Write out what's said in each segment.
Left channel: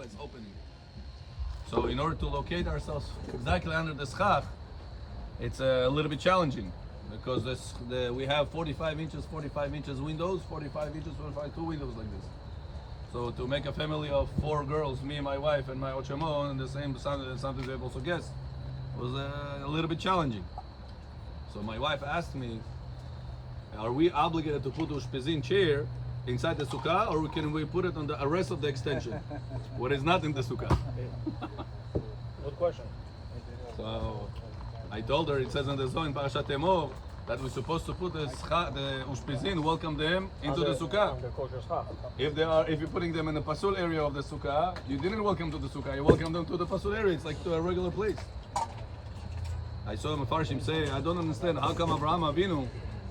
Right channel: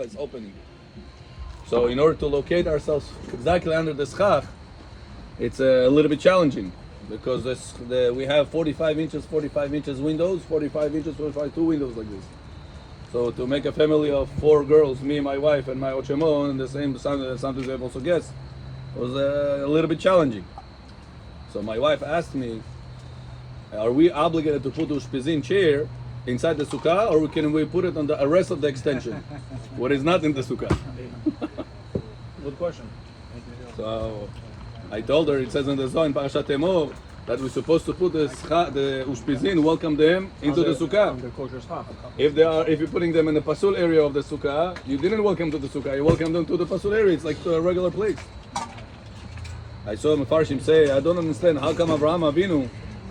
It's opening. So in order to locate ourselves exactly under the schach, it's a little bit challenging because we have 45 inches windows, 45 inches, 45, two windows like this. So to make a family of 4 girls, me, my wife, and my ochemo, and the same sometimes we have also guests, was a little bit challenging. So my wife asked me, are we obligated to put the ushpizin chair inside the sukkah, or can we put it on the rest of the extension, what is not in the sukkah? Good question. So I told her, it says in the Zohar in Parashat Emor that we're supposed to put the ushpizin, welcome them into the sukkah. If you're putting them in the pasul area of the sukkah, you didn't welcome to the sukkah, you welcome them to the pasul area. It's like a regular place. I saw Mefarshim say, I don't understand how come Avraham Avinu,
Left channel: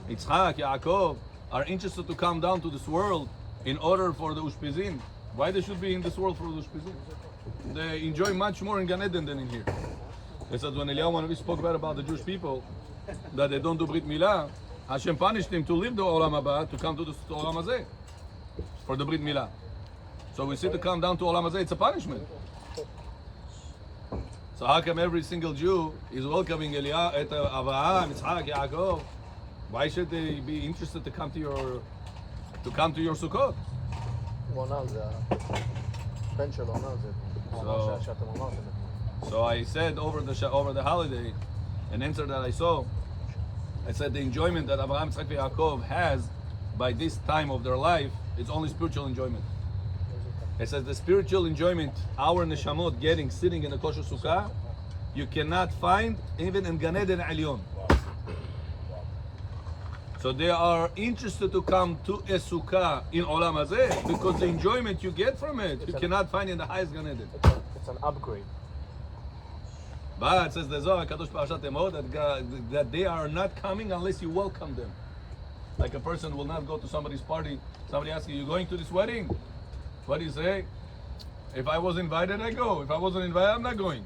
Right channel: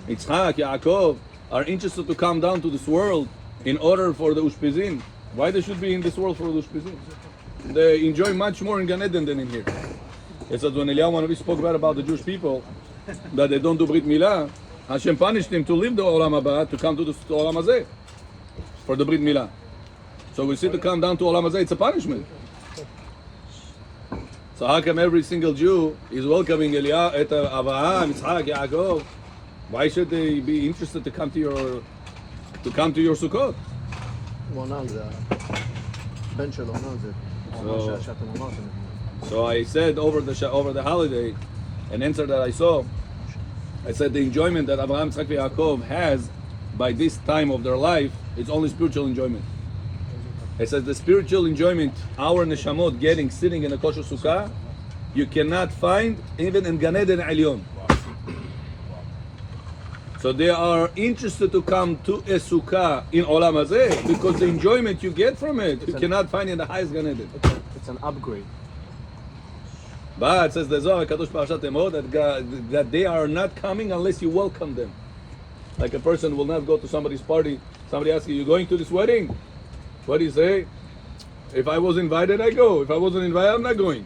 Yitzchak, Yaakov are interested to come down to this world in order for the ushpizin. Why they should be in this world for the ushpizin? They enjoy much more in Gan Eden than in here. It says when Eliyahu Hanavi spoke about the Jewish people, that they don't do Brit Milah, Hashem punished him to leave the Olam Haba to come to the Olam Hazeh for the Brit Milah. So we see to come down to Olam Hazeh, it's a punishment. So how come every single Jew is welcoming Eliyahu, Avraham, Yitzchak, Yaakov? Why should they be interested to come to your Sukkot? So I said over the holiday, an answer that I saw, I said the enjoyment that Avraham, Yitzchak, and Yaakov has by this time of their life is only spiritual enjoyment. I said the spiritual enjoyment our neshamot getting sitting in a kosher sukkah, you cannot find even in Gan Eden Elyon. So they are interested to come to a sukkah in Olam Hazeh because the enjoyment you get from it, you cannot find in the highest Gan Eden. It's an upgrade. But it says the Zohar Kadosh Parashat Emor that they are not coming unless you welcome them. Like a person will not go to somebody's party. Somebody asks you, "You're going to this wedding?" What do you say? If I was invited, I go. If I wasn't invited, I'm not going.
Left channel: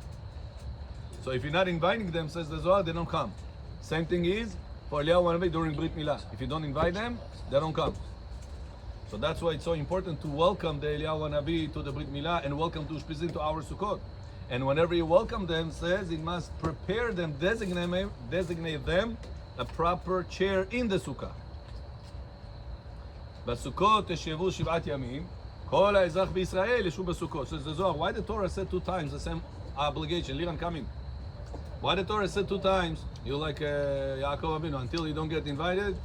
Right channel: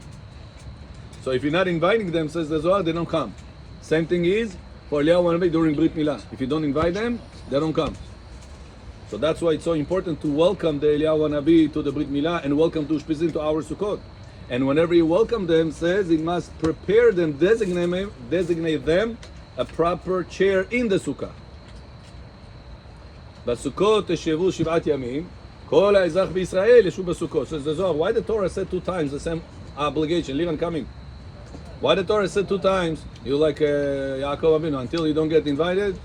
So if you're not inviting them, says the Zohar, they don't come. Same thing is for Eliyahu Hanavi during Brit Milah. If you don't invite them, they don't come. So that's why it's so important to welcome the Eliyahu Hanavi to the Brit Milah and welcome to Ushpizin to our Sukkot. And whenever you welcome them, says it must prepare them, designate them a proper chair in the Sukkah. Sukkot teshevu shivat yamim. Kol ha'ezach b'Yisrael yeshu b'Sukkot. Says the Zohar, why the Torah said 2 times the same obligation, leave and coming? Why the Torah said 2 times, you like Yaakov Avinu, until you don't get invited?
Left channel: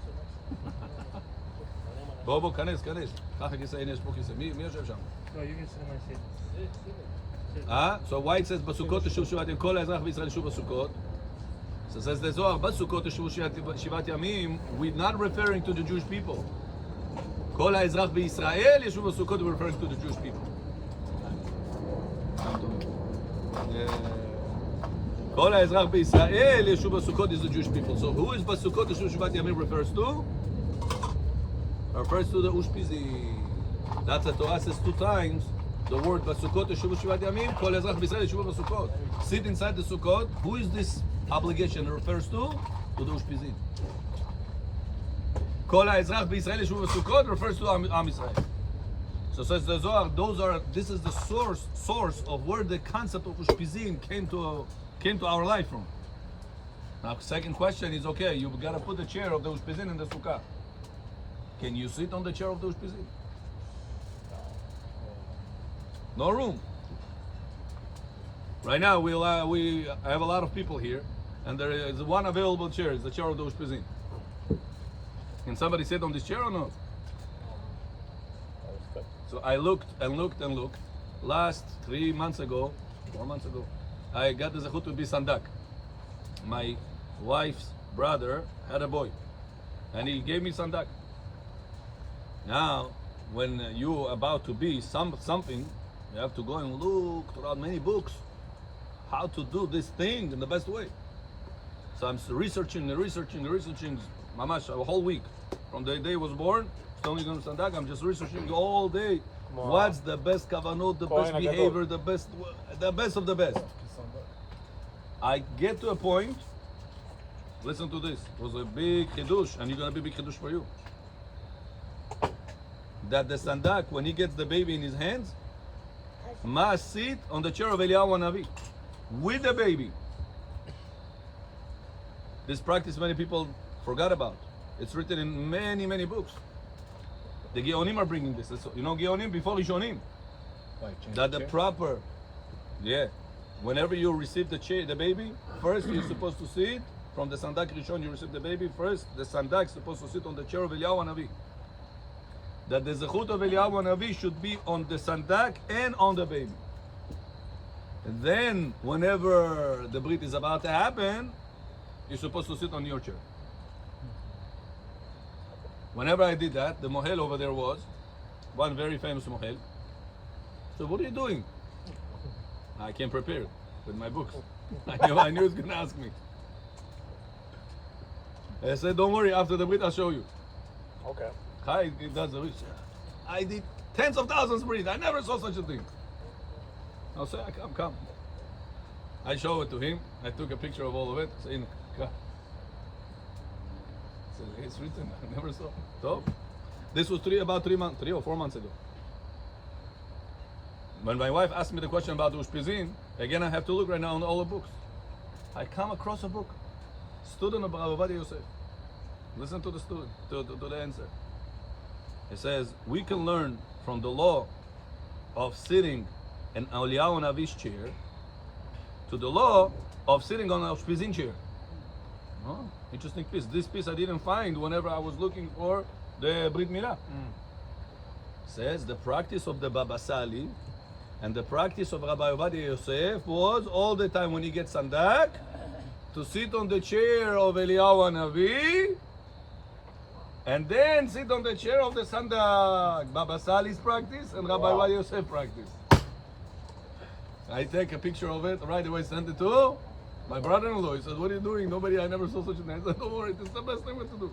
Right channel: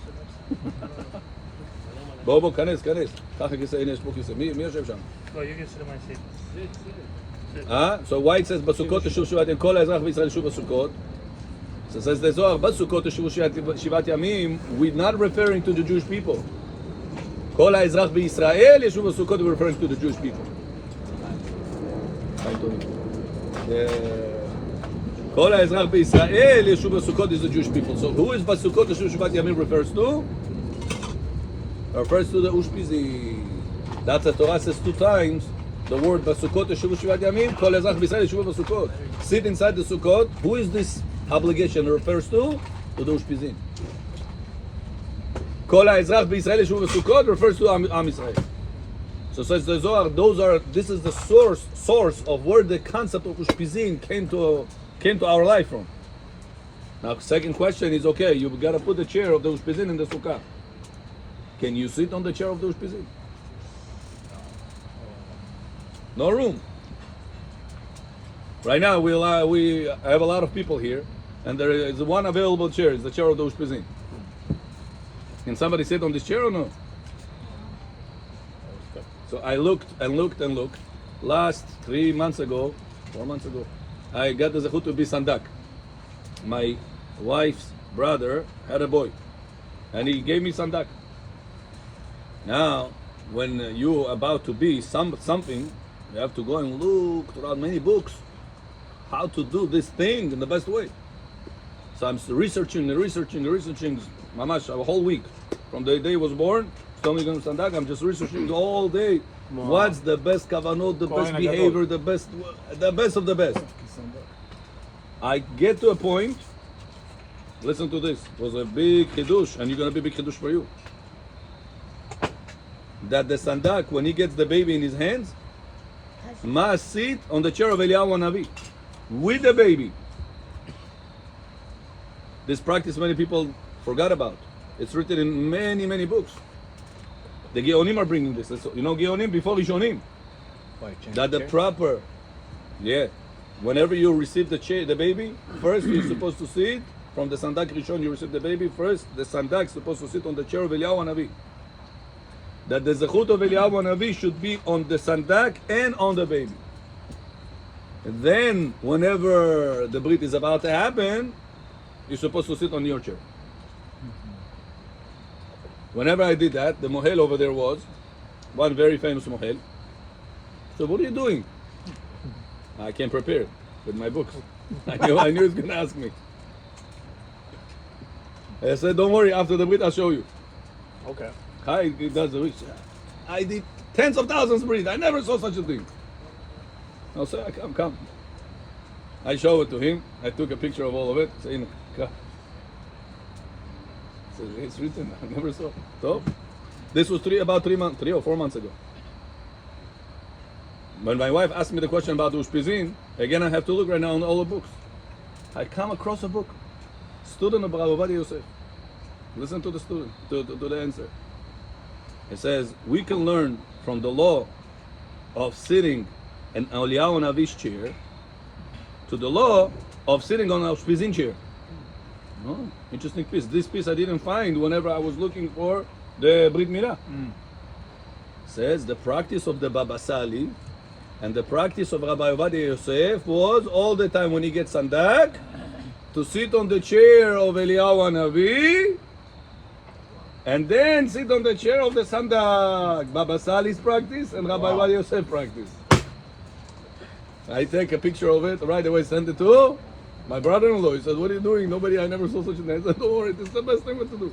בוא, כנס. ככה כיסא, הנה יש פה כיסא. מי יושב שם? Oh, you can sit in my seat. So why it says בסוכות תשוב שיבת ימים, כל האזרח בישראל ישוב בסוכות? So it says the Zohar, בסוכות תשוב שיבת ימים, we're not referring to the Jewish people. כל האזרח בישראל ישוב בסוכות, we're referring to the Jewish people. כל האזרח בישראל ישוב בסוכות is the Jewish people. So who is בסוכות תשוב שיבת ימים refers to? Refers to the Ushpizin. That's the Torah says 2 times. The word Basukot Yeshuv Shivat Yamim, Kol Ezach B'Yisrael Yeshuv Basukot. Sit inside the Sukkot. Who is this obligation refers to? To the Ushpizin. Kol Ezach B'Yisrael Yeshuv Basukot refers to Am Yisrael. So says the Zohar, this is the source of where the concept of Ushpizin came to our life from. Now, second question is, okay, you've got to put the chair of the Ushpizin in the Sukkah. Can you sit on the chair of the Ushpizin? No room. Right now we have a lot of people here, and there is one available chair. It's the chair of the Ushpizin. Can somebody sit on this chair or no? So I looked and looked. Last 4 months ago, I got the zechut to be sandak. My wife's brother had a boy, and he gave me sandak. Now, when you're about to be something, you have to go and look throughout many books how to do this thing in the best way. So I'm researching, mamash, a whole week. From the day he was born, still going to sandak, I'm just researching all day. What's the best kavanot, the best behavior, the best of the best. I get to a point, listen to this, it was a big chidush, and you're going to be a big chidush for you. That the sandak, when he gets the baby in his hands, must sit on the chair of Eliyahu Hanavi with the baby. This practice many people forgot about. It's written in many, many books. The Geonim are bringing this. You know Geonim before Rishonim. That the proper, whenever you receive the baby, first you're supposed to sit from the Sandak Rishon. You receive the baby first. The Sandak is supposed to sit on the chair of Eliyahu Hanavi. That the zechut of Eliyahu Hanavi should be on the Sandak and on the baby. And then, whenever the Brit is about to happen, you're supposed to sit on your chair. Whenever I did that, the mohel over there was one very famous mohel. So what are you doing? I came prepared with my books. I knew he was going to ask me. I said, don't worry, after the Brit I'll show you. Okay. He does the wish. I did tens of thousands of Brit. I never saw such a thing. I'll say, come. I show it to him. I took a picture of all of it. Say, come. It's written. I never saw. So, this was about 3 or 4 months ago. When my wife asked me the question about Ushpizin, again I have to look right now in all the books. I come across a book. Student of Rabbi Yosef. Listen to the student, to the answer. It says, we can learn from the law of sitting in Eliyahu Hanavi's chair to the law of sitting on a Ushpizin chair. Oh, interesting piece. This piece I didn't find whenever I was looking for the Brit Milah. Says the practice of the Baba Sali and the practice of Rabbi Yosef was all the time when he gets sandak to sit on the chair of Eliyahu Hanavi and then sit on the chair of the sandak. Baba Sali's practice and Rabbi Yosef practice. I take a picture of it right away, send it to my brother-in-law. He said, what are you doing? I never saw such a thing. I said, don't worry, this is the best thing to do.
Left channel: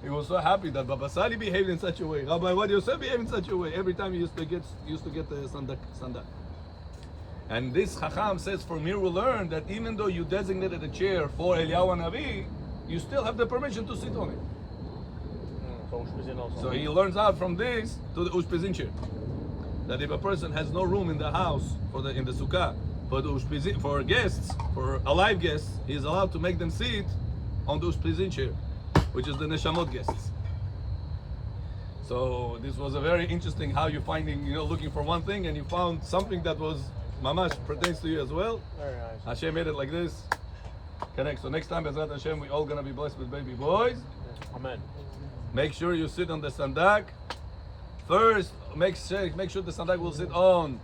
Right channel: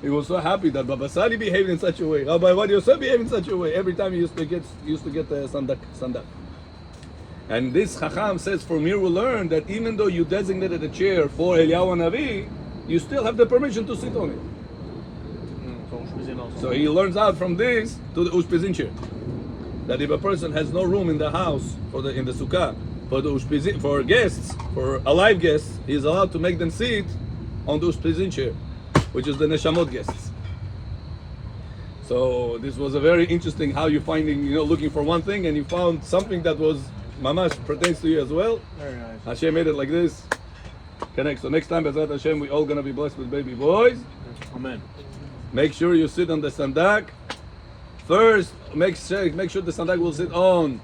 He was so happy that Baba Sali behaved in such a way. Rabbi Yosef behaved in such a way. Every time he used to get the sandak. And this Chacham says, from here we learn that even though you designated a chair for Eliyahu Hanavi, you still have the permission to sit on it. So he learns out from this to the Ushpizin chair. That if a person has no room in the house in the sukkah for guests, for alive guests, he is allowed to make them sit on the Ushpizin chair, which is the neshamot guests. So this was a very interesting how you finding, looking for one thing and you found something that was mamash pertains to you as well. Very nice. Hashem made it like this. Connect. So next time, Bezrat Hashem, we all gonna be blessed with baby boys. Amen. Make sure you sit on the sandak. First, make sure the sandak will sit on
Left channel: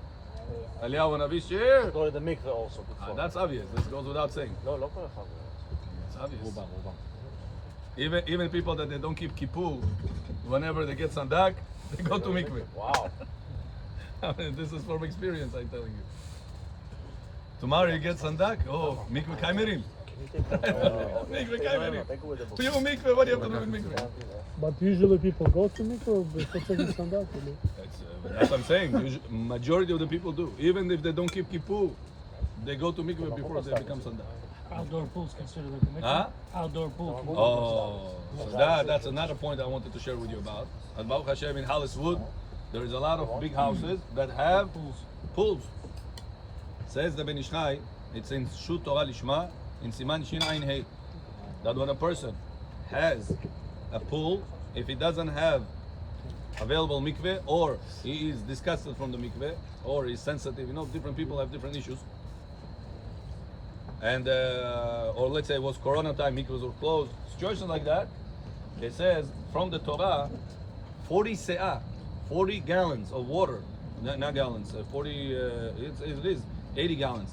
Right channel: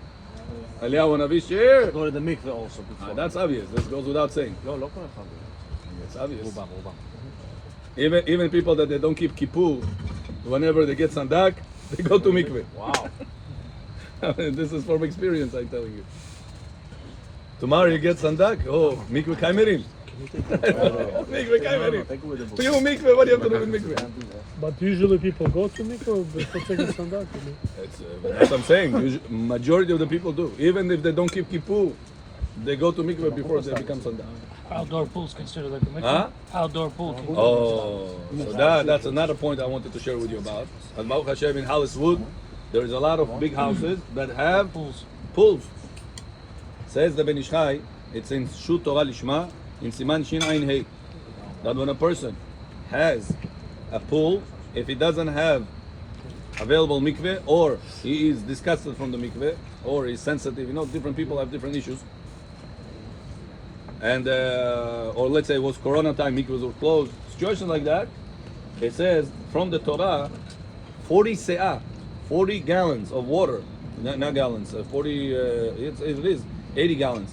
Eliyahu Hanavi's chair. Go to the mikveh also. That's obvious. That goes without saying. No, look what It's obvious. Even people that they don't keep kippur, whenever they get sandak, they go to mikveh. Wow. This is from experience, I'm telling you. Tomorrow you get sandak. Oh, mikveh kaimerim. Mikveh kaimerim. You mikveh. What do you have to do with mikveh? But usually people go to mikveh before taking sandak. That's what I'm saying. Majority of the people do. Even if they don't keep kippur, they go to mikveh before they become sandak. Outdoor pools considered like a mikveh. Huh? Outdoor pool. Oh, so that's another point I wanted to share with you about. At Baruch Hashem in Holliswood, there is a lot of big houses that have pools. Says the Ben Ish Chai, it's in Shut Torah Lishma, in Siman Shin Ayin Hei, that when a person has a pool, if he doesn't have available mikveh, or he is disgusted from the mikveh, or he's sensitive, different people have different issues. And or let's say it was Corona time, mikvahs were closed. Situation like that, it says from the Torah, 40 se'ah, 40 gallons of water, not gallons, it is 80 gallons.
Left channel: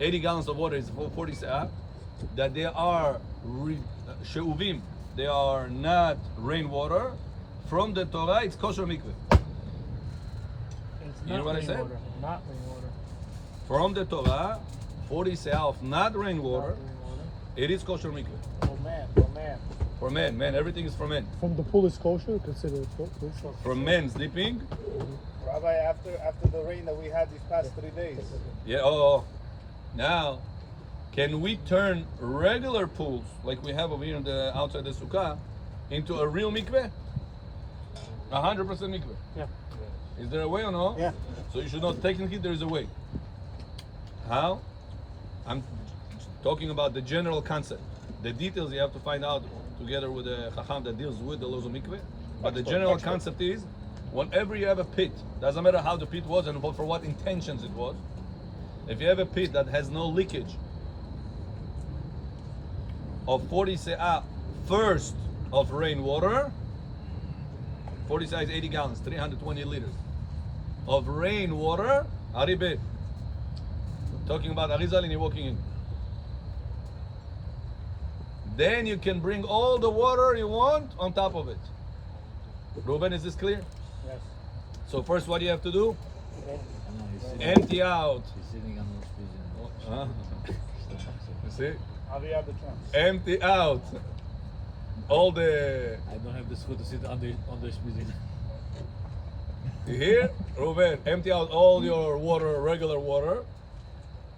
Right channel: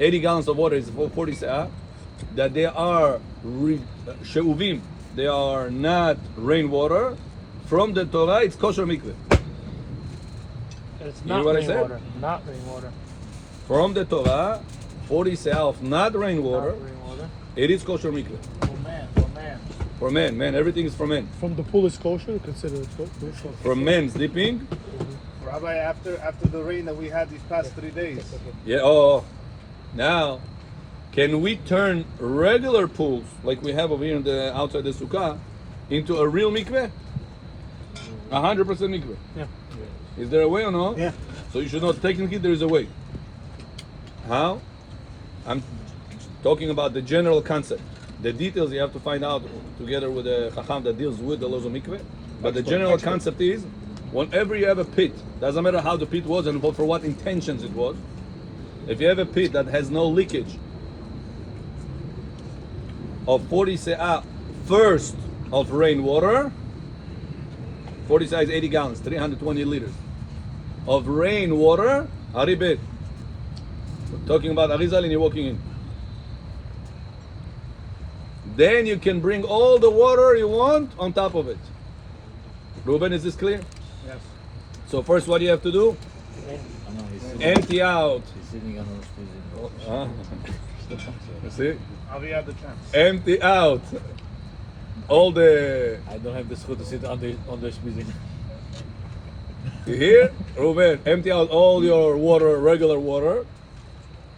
80 gallons of water is 40 se'ah, that they are she'uvim, they are not rainwater. From the Torah, it's kosher mikveh. It's You hear not what I said? rainwater. Not rainwater. From the Torah, 40 se'ah of not rainwater, Not rainwater. it is kosher mikveh. For man. For man. For men, everything is for men. From the pool is kosher, considered kosher. For men sleeping, Rabbi, after the rain that we had these past 3 days, yeah. Oh, now, can we turn regular pools like we have over here in the outside the sukkah into a real mikveh? 100% mikveh. Yeah. Is there a way or no? Yeah. So you should know technically there is a way. How? I'm talking about the general concept. The details you have to find out together with the Chacham that deals with the laws of mikveh. But the general concept is, whenever you have a pit, doesn't matter how the pit was and for what intentions it was, if you have a pit that has no leakage of 40 se'ah first of rainwater, 40 se'ah is 80 gallons, 320 liters of rainwater, haribet. Talking about Arizal and you're walking in. Then you can bring all the water you want on top of it. Ruben, is this clear? Yes. So first what do you have to do? Empty out. He's sitting on the You see? Avi had the chance. Empty out all the... I don't have the schut to sit on the spizin. You hear? Ruben, empty out all your water, regular water.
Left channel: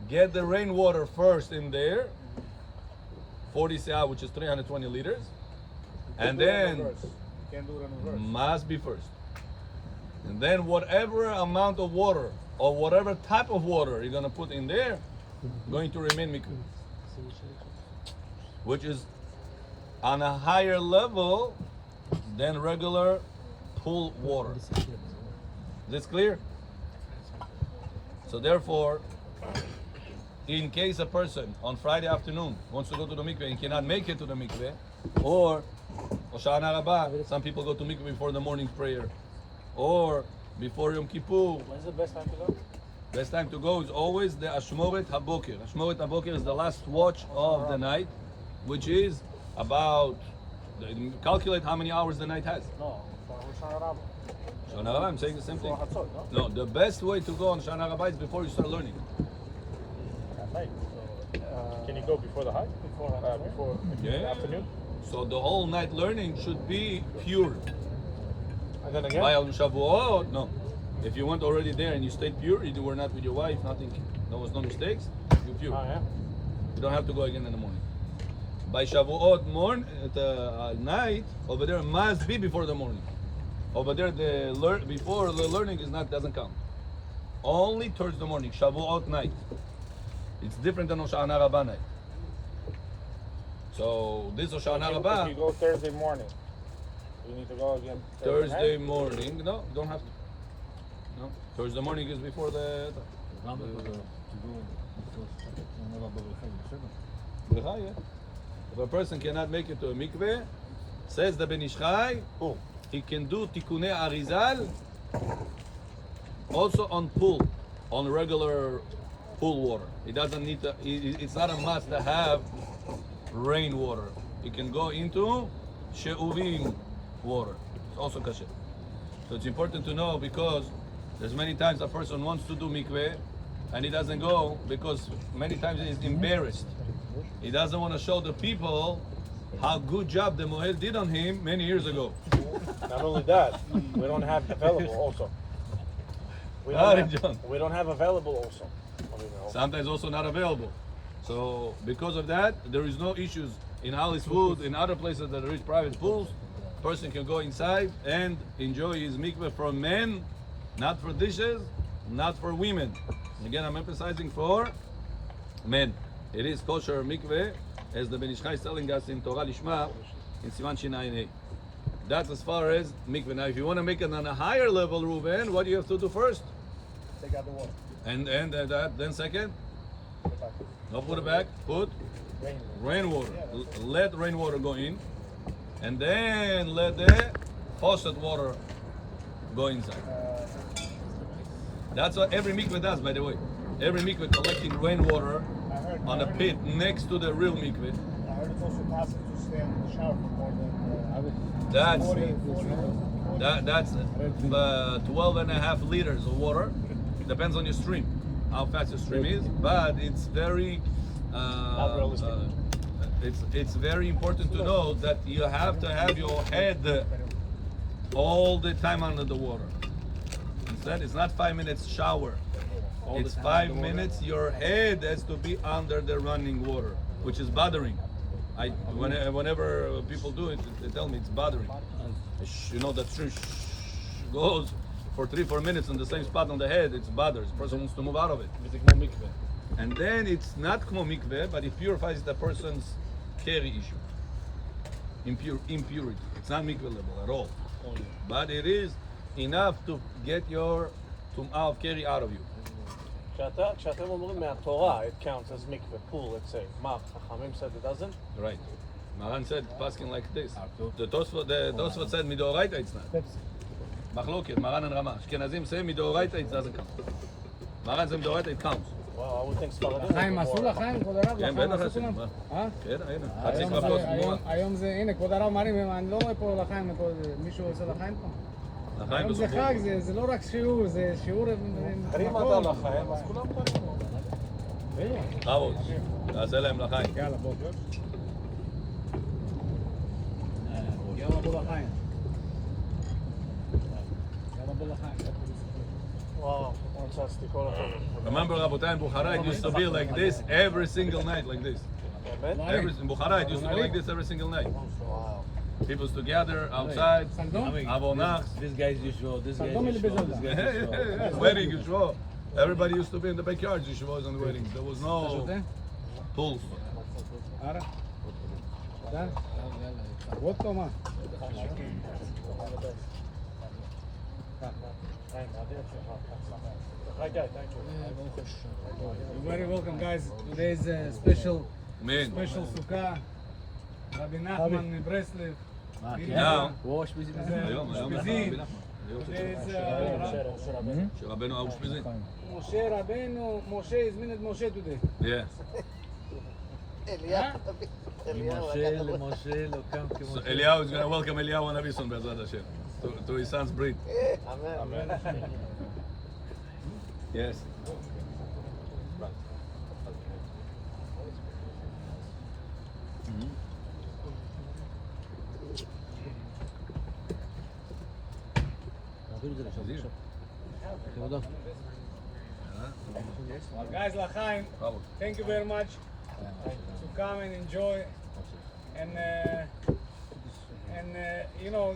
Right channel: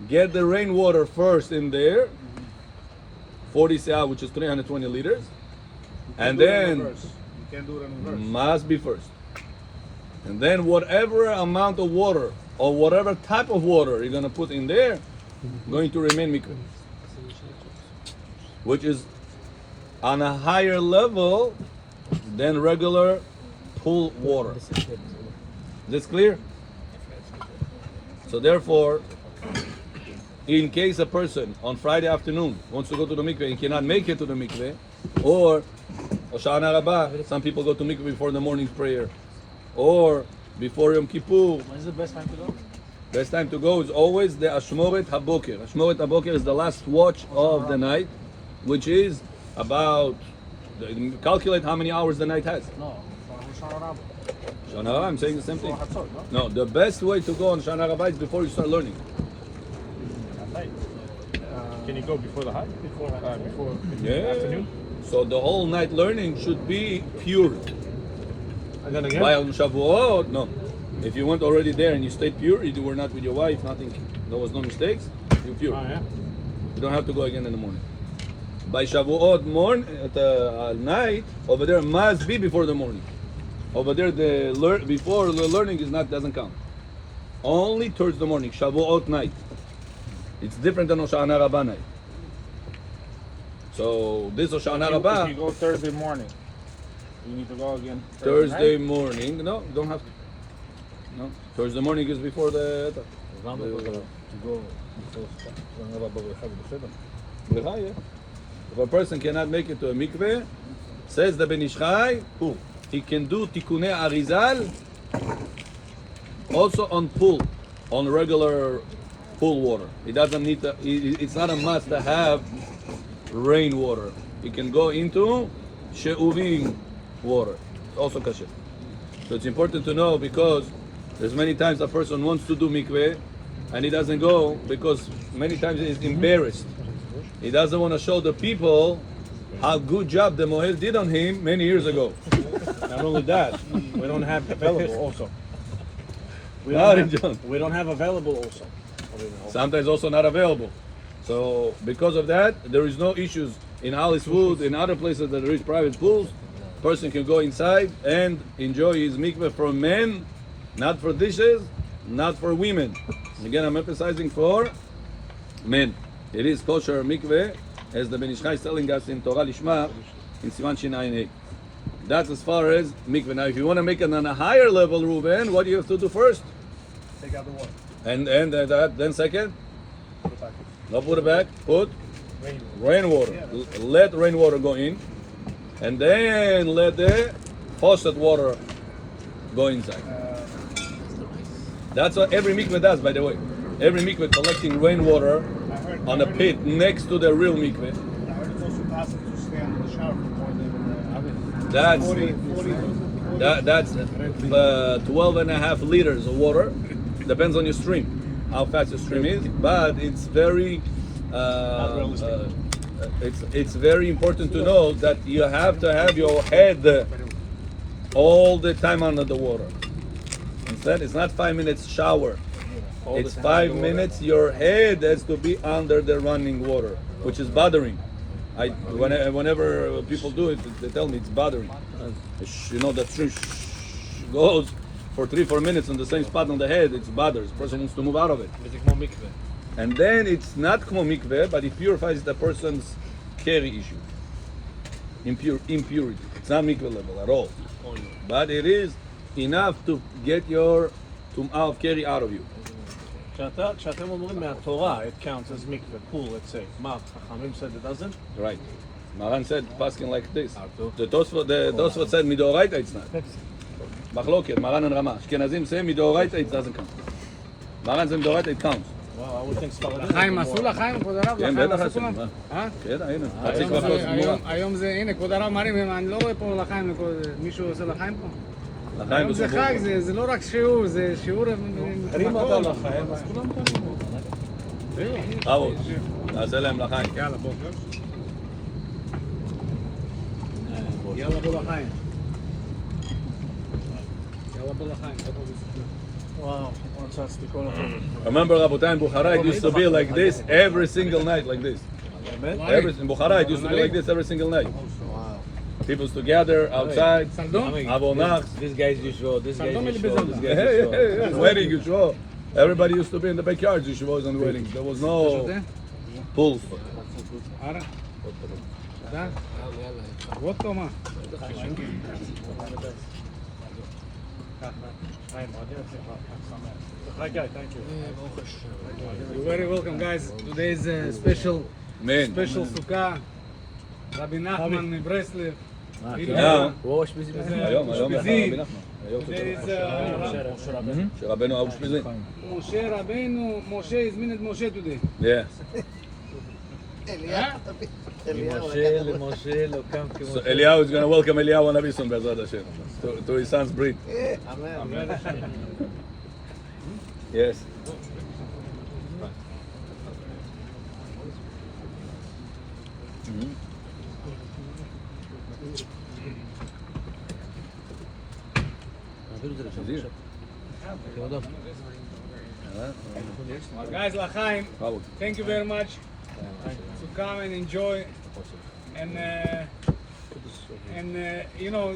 Get the rainwater first in there. 40 se'ah, which is 320 liters. And then... You can't do it in reverse. Must be first. And then whatever amount of water or whatever type of water you're going to put in there, going to remain mikveh. Which is on a higher level than regular pool water. This clear? So therefore, in case a person on Friday afternoon wants to go to the mikveh and cannot make it to the mikveh, or Hoshana Rabbah, some people go to mikveh before the morning prayer, or before Yom Kippur. When's the best time to go? Best time to go is always the Ashmoret HaBoker. Ashmoret HaBoker is the last watch of the night, which is about, calculate how many hours the night has. Shana Rabbah, I'm saying the same thing. No, the best way to go on Shana Rabbah is before you start learning. Can you go before the high? Before Yeah. afternoon? So the whole night learning should be pure. And then again. By on Shavuot, no. If you went already there and you stayed pure, you were not with your wife, nothing, there was no mistakes, you're pure. Oh, yeah. You don't have to go again in the morning. By Shavuot morning, at night, over there must be before the morning. Over there, before the learning is not doesn't count. Only towards the morning, Shavuot night. It's different than Hoshana Rabbah night. So this Hoshana Rabbah, If you go Thursday morning, you need to go again Thursday morning. No, you don't have to. No, Thursday morning is before the. למה to go before Shana Rabbah ב-1 בסדר? Yeah. If a person cannot make it to a mikveh, says the Ben Ish Chai, he can do tikunei arizal also on pool, on regular pool water. He doesn't need to, it's not a must to have rainwater. He can go into she'uvim water. It's also kasher. So it's important to know because there's many times a person wants to do mikveh and he doesn't go because many times he's embarrassed. He doesn't want to show the people how good job the Mohel did on him many years ago. Not only that, we don't have available also. We Not don't in have, John. we don't have available also. Sometimes also not available. So because of that, there is no issues in Alice Wood, in other places that there is private pools. Person can go inside and enjoy his mikveh for men, not for dishes, not for women. Again, I'm emphasizing for men. It is kosher mikveh, as the Ben Ish Chai is telling us in Torah Lishma, in Sivan Shin Ayin Hey. That's as far as mikveh. Now, if you want to make it on a higher level, Ruben, what do you have to do first? Take out the water. And then second? No, put it back. Put rainwater. Let rainwater go in, and then let the faucet water go inside. That's what every mikveh does, by the way. Every mikveh collecting rainwater on a pit next to the real mikveh. I heard it's also possible to stand in the shower for more than That's 40. that's 12 and a half liters of water. Depends on your stream, how fast your stream is. But it's very it's very important to know that you have to have your head all the time under the water. Instead, it's not 5 minutes shower. It's 5 minutes. Your head has to be under the running water, which is bothering. Whenever people do it, they tell me it's bothering. You know, the stream goes for 3-4 minutes on the same spot on the head, it bothers. The person wants to move out of it. And then it's not כמו mikveh, but it purifies the person's carry issue. Impurity. It's not mikveh level at all. But it is enough to get your tum'ah of carry out of you. כשאתם אומרים מהתורה, it counts as mikveh, pool, let's say. מה, חכמים said it doesn't? Right. Maran said, passing like this. The Tosfot said, midoraita it's not. Machloket, Maran and Rama. Ashkenazim say, midoraita it doesn't count. Maran said, midoraita it counts. Wow, I would think ספרדית. לחיים עשו לחיים, כבוד הרב? כן, לחיים בטח עשו עשינו, כבר? מה? אה? כן, הנה. חצי כבר כוס גמורה. היום זה, הנה, כבוד הרב מרים, אני לא רואה פה לחיים, מישהו עושה לחיים פה? לחיים היום זה בסוף. חג, זה לא רק שיעור, זה שיעור... אם אתה לחיים, אז כולם תולים. חבוד, נעשה להם לחיים. יאללה בוא לחיים. וואו, רוצה סתיקול אותו. Remember, Rabotai, in Bukhara, it used to be like this every single night, like this. In Bukhara, it used to be like this every single night. People used to gather outside, Avonach. This guy's Yeshua, this guy's Yeshua, this guy's Hey, Yeshua. hey, wedding, Yeshua. Everybody used to be in the backyard, Yeshua was on the wedding. There was no pools. וודקה מה? Hi, guy, thank you. You're very welcome, guys. Today is a special Man. Sukkah. רבי נחמן מברסלב. Now, ראש בזמן. היום, אושפיזין. היום שרבנו האושפיזין. משה רבנו, משה הזמין את משה today. Yeah. משה למשה לא קם כמו... So Eliyahu is going to welcome Eliyahu Hanavi son Be'ezrat Hashem to his son's brit. Yes. Guys, L'chaim, Bravo. thank you very much to come and enjoy. And you know,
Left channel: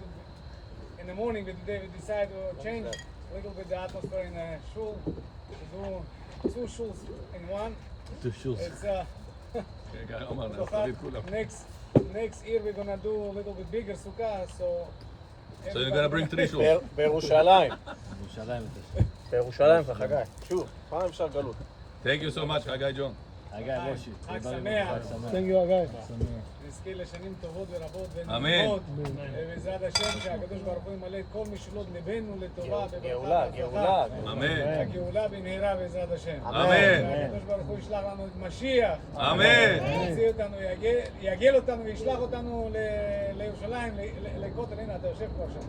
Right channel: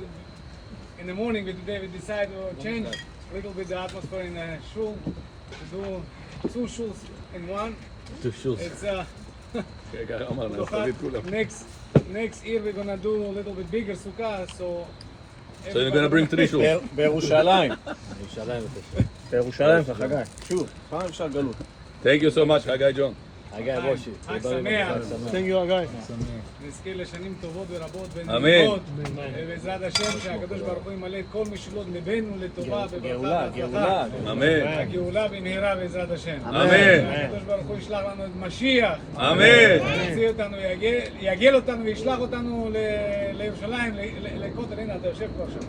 in the morning today we decided to change a little bit the atmosphere in the shul, to do 2 shuls in one. two shoes. It's אמרנו, נעשה את כולם. next year we're gonna do a little bit bigger sukkah, so. So you're going to bring 3 shuls. בירושלים. ירושלים בבקשה. בירושלים, חגי. שוב, פעם אפשר גלות. Thank you so much, Hagai John. הגיא ראשי. חג שמח. Thank you, guys. נזכה לשנים טובות ורבות אמן. ונעימות. ובעזרת השם שהקדוש ברוך הוא ימלא את כל משאלות ליבנו לטובה בברכה גאולה, והצלחה. אמן. הגאולה במהרה בעזרת השם. אמן. הקדוש ברוך הוא ישלח לנו את משיח. אמן. יוציא אותנו, יגל אותנו וישלח אותנו לירושלים, לכותל. הנה אתה יושב כבר שם.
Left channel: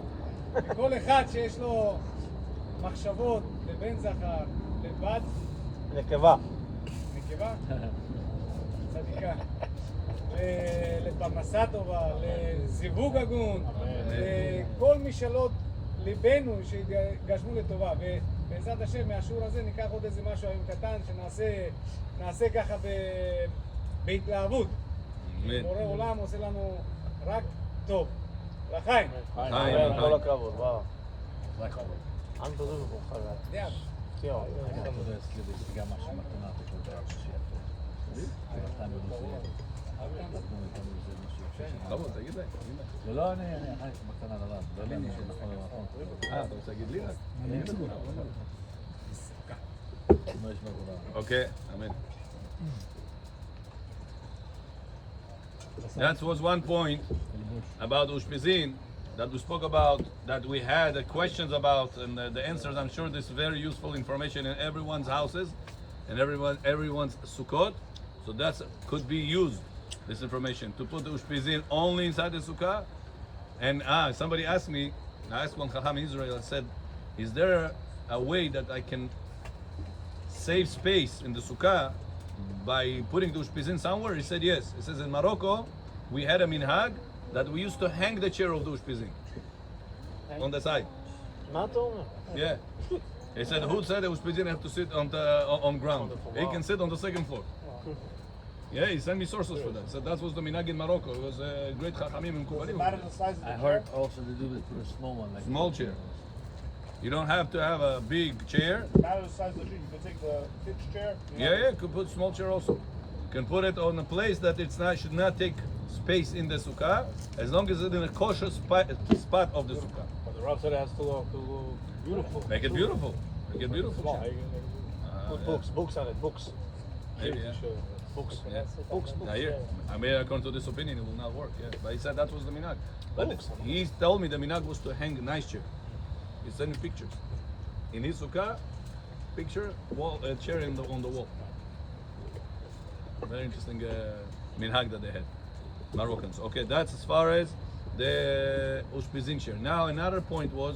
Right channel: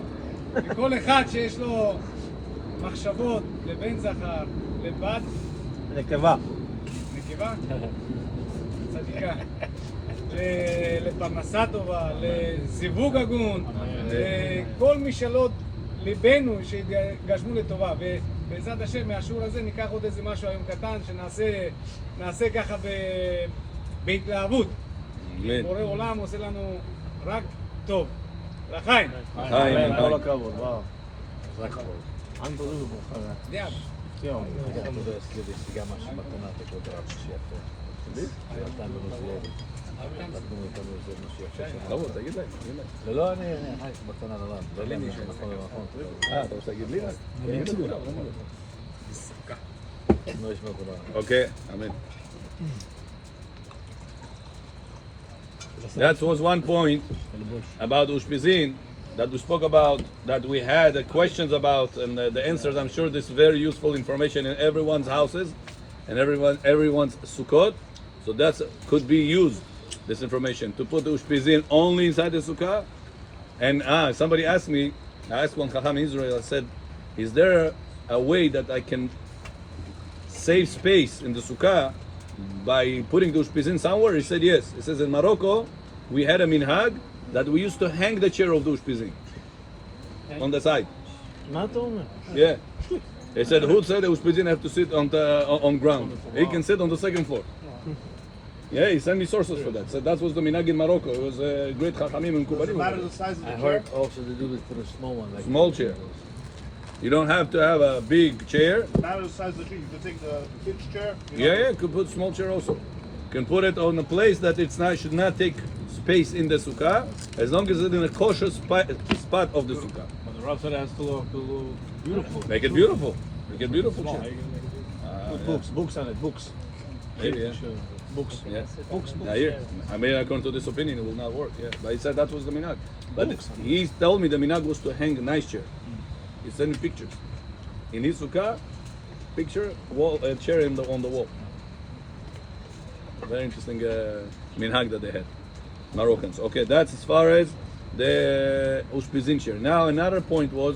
וכל אחד שיש לו מחשבות לבן זכר, לבת נקבה. נקבה, צדיקה, לפרנסה טובה, לזיווג הגון, לכל משאלות ליבנו שיגשמו לטובה. ובעזרת השם מהשיעור הזה ניקח עוד איזה משהו היום קטן שנעשה ככה בהתלהבות. אמן. בורא עולם עושה לנו רק טוב. לחיים. לחיים. כל הכבוד, וואו. Unbelievable, חגי. יאללה. ציון. ברור, תגיד להם. זה לא אני חי בקטנה לבן. זה לי מישהו מקום למקום. אתה רוצה להגיד לי? תגיד לכולם. לא ישמע כולם. Okay, amen. That was one point about Ushpizin that we spoke about, that we had questions about, and the answers. I'm sure this is very useful information in everyone's houses and everyone's sukkot. So that could be used, this information, to put the Ushpizin only inside the sukkah. And somebody asked me, I asked one Chacham in Israel, I said, is there a way that I can save space in the sukkah by putting the Ushpizin somewhere? He said yes. He says in Morocco, we had a minhag that we used to hang the chair of the Ushpizin on the side. מה אתה אומר? Yeah. He said, who said the Ushpizin have to sit on ground? He can sit on the second floor. Yeah, he sent me sources for that. So that was the minhag in Morocco. It was a great Chachamim and Kubalim. Matter the size of I the chair. heard also they do it for a small one. Like Small chair. You don't have to have a big chair. Not the size of the tree. You can take the kids' chair. Yeah, you could put small chair also. You can put it on a place that it's not should not take space in the sukkah, as long as it's in a kosher spot of the sukkah. And the Rav said it has to look beautiful. Make it beautiful. Make it beautiful chair. Books on it, books. Maybe, yeah. Books. Yeah. Books. Now here, I mean, according to this opinion, it will not work. Yeah, but he said that was the minhag. But he told me the minhag was to hang a nice chair. He sent me pictures. In his sukkah, picture wall chair on the wall. Very interesting minhag that they had, Moroccans. Okay, that's as far as the ushpizin chair. Now another point was,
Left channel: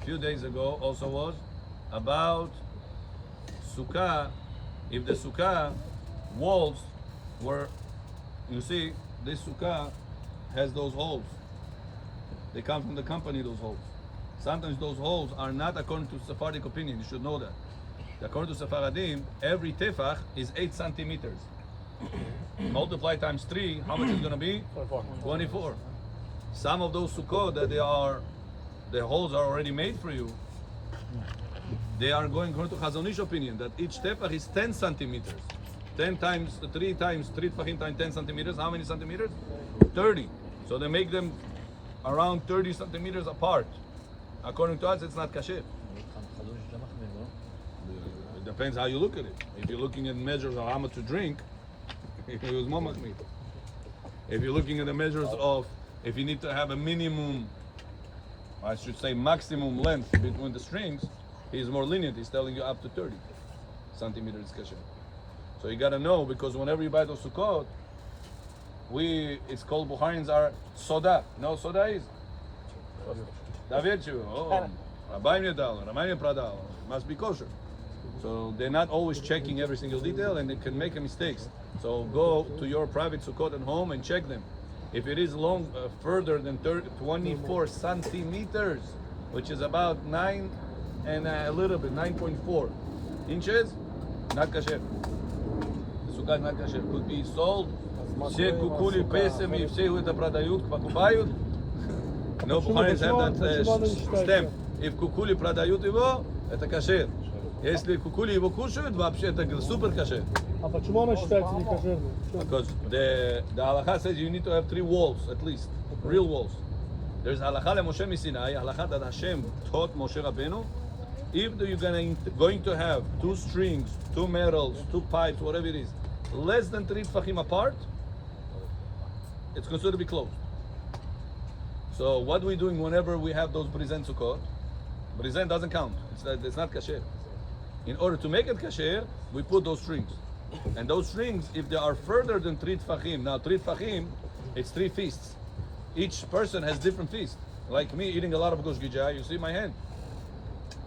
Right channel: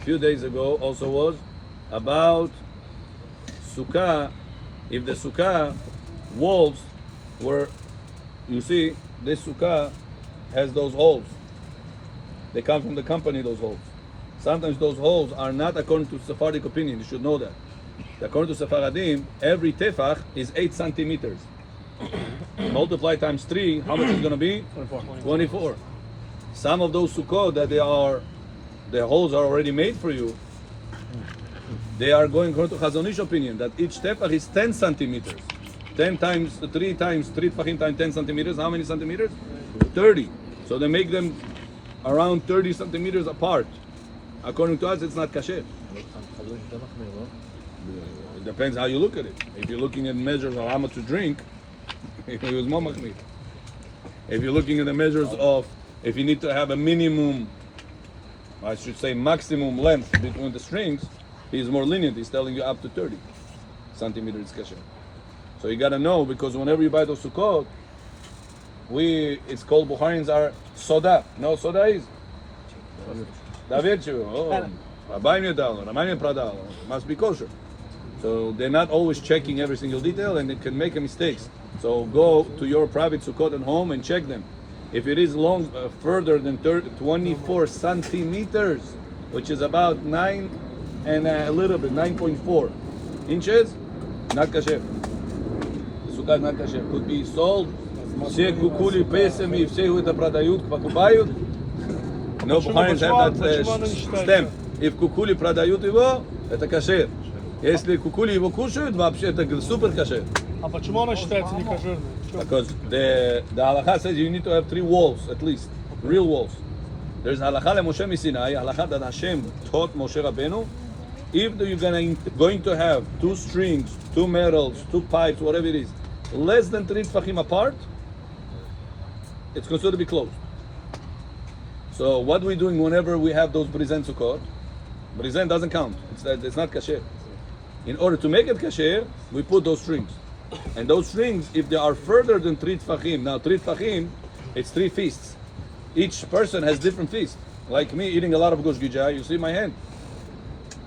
a few days ago, also was about sukkah. If the sukkah walls were, you see, this sukkah has those holes. They come from the company, those holes. Sometimes those holes are not according to Sephardic opinion. You should know that. According to Sephardim, every tefach is 8 centimeters. Multiply times 3, how much is going to be? 24. Some of those sukkot that the holes are already made for you, they are going according to Chazon Ish opinion that each tefach is 10 centimeters. 10 times 3 tefachim times 10 centimeters. How many centimeters? 30. So they make them around 30 centimeters apart. According to us, it's not kasher. It depends how you look at it. If you're looking at measures of how much to drink, it was more machmir. If you're looking at the measures of if you need to have a minimum, I should say maximum length between the strings, he's more lenient. He's telling you up to 30 centimeters kasher. So you gotta know, because whenever you buy those sukkot, it's called Bukharians are soda. You know what soda is? Davirchu. Oh, Rabbi Moshe Moretov. Must be kosher. So they're not always checking every single detail, and they can make mistakes. So go to your private sukkot at home and check them. If it is long, further than 24 centimeters, which is about 9 and a little bit, 9.4 inches, not kasher. The sukkah is not kasher. Could be sold. Kukuli pesem ifsehu et pradayut kpakupayut. No, Bukharians have that stamp. If kukuli pradayut ivo, это kasher. Если кукули его кушают, вообще это супер kasher. А почему она считается не кошер? Because the halacha says you need to have 3 walls at least, real walls. There's halacha leMoshe Sinai, halacha that Hashem taught Moshe Rabbeinu. If you're going to have 2 strings, 2 metals, 2 pipes, whatever it is, less than 3 tefachim apart, it's considered to be closed. So what we're doing whenever we have those brizen sukkot, brizen doesn't count. It's not kasher. In order to make it kasher, we put those strings. And those strings, if they are further than 3 tefachim, now 3 tefachim, it's 3 feasts. Each person has different feasts. Like me eating a lot of gush gijah, you see my hand.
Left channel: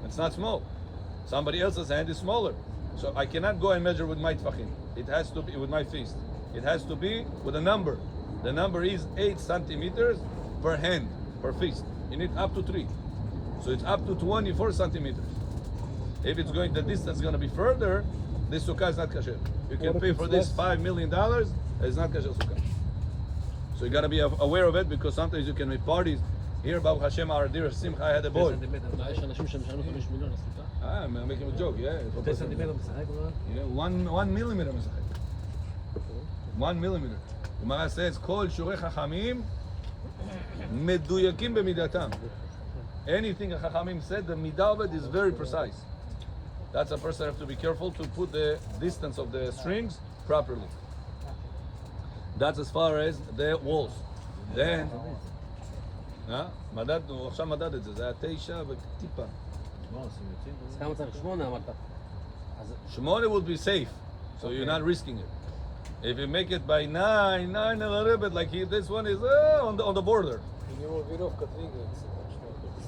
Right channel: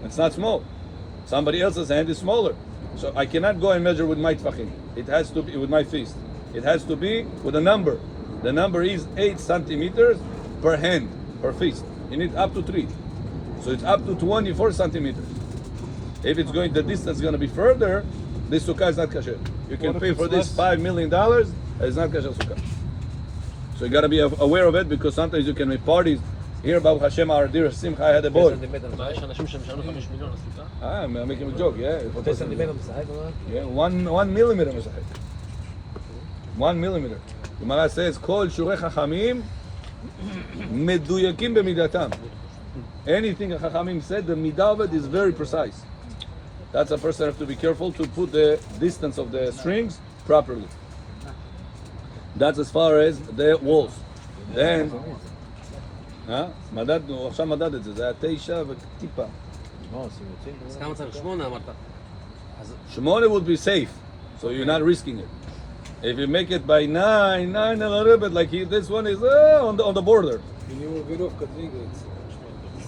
It's not small. Somebody else's hand is smaller. So I cannot go and measure with my tefachim. It has to be with my feast. It has to be with a number. The number is 8 centimeters per hand, per feast. You need up to 3. So it's up to 24 centimeters. If it's going, the distance is going to be further, this sukkah is not kasher. You can pay for this $5 million, it's not kasher sukkah. So you got to be aware of it, because sometimes you can make parties. Here, Baruch Hashem, our dear Simcha had a boy. I'm making a joke, yeah. Yeah, 1 millimeter. 1 millimeter. Gemara says, Kol shurei chachamim meduyakim b'midatam. Anything a chachamim said, the midah of it is very precise. That's a person have to be careful to put the distance of the strings properly. That's as far as the walls. Then, מדדנו, עכשיו מדד את זה, זה היה 9 וטיפה. 8 would be safe, so you're not risking it. If you make it by 9 and a little bit, like this one is on the border. It's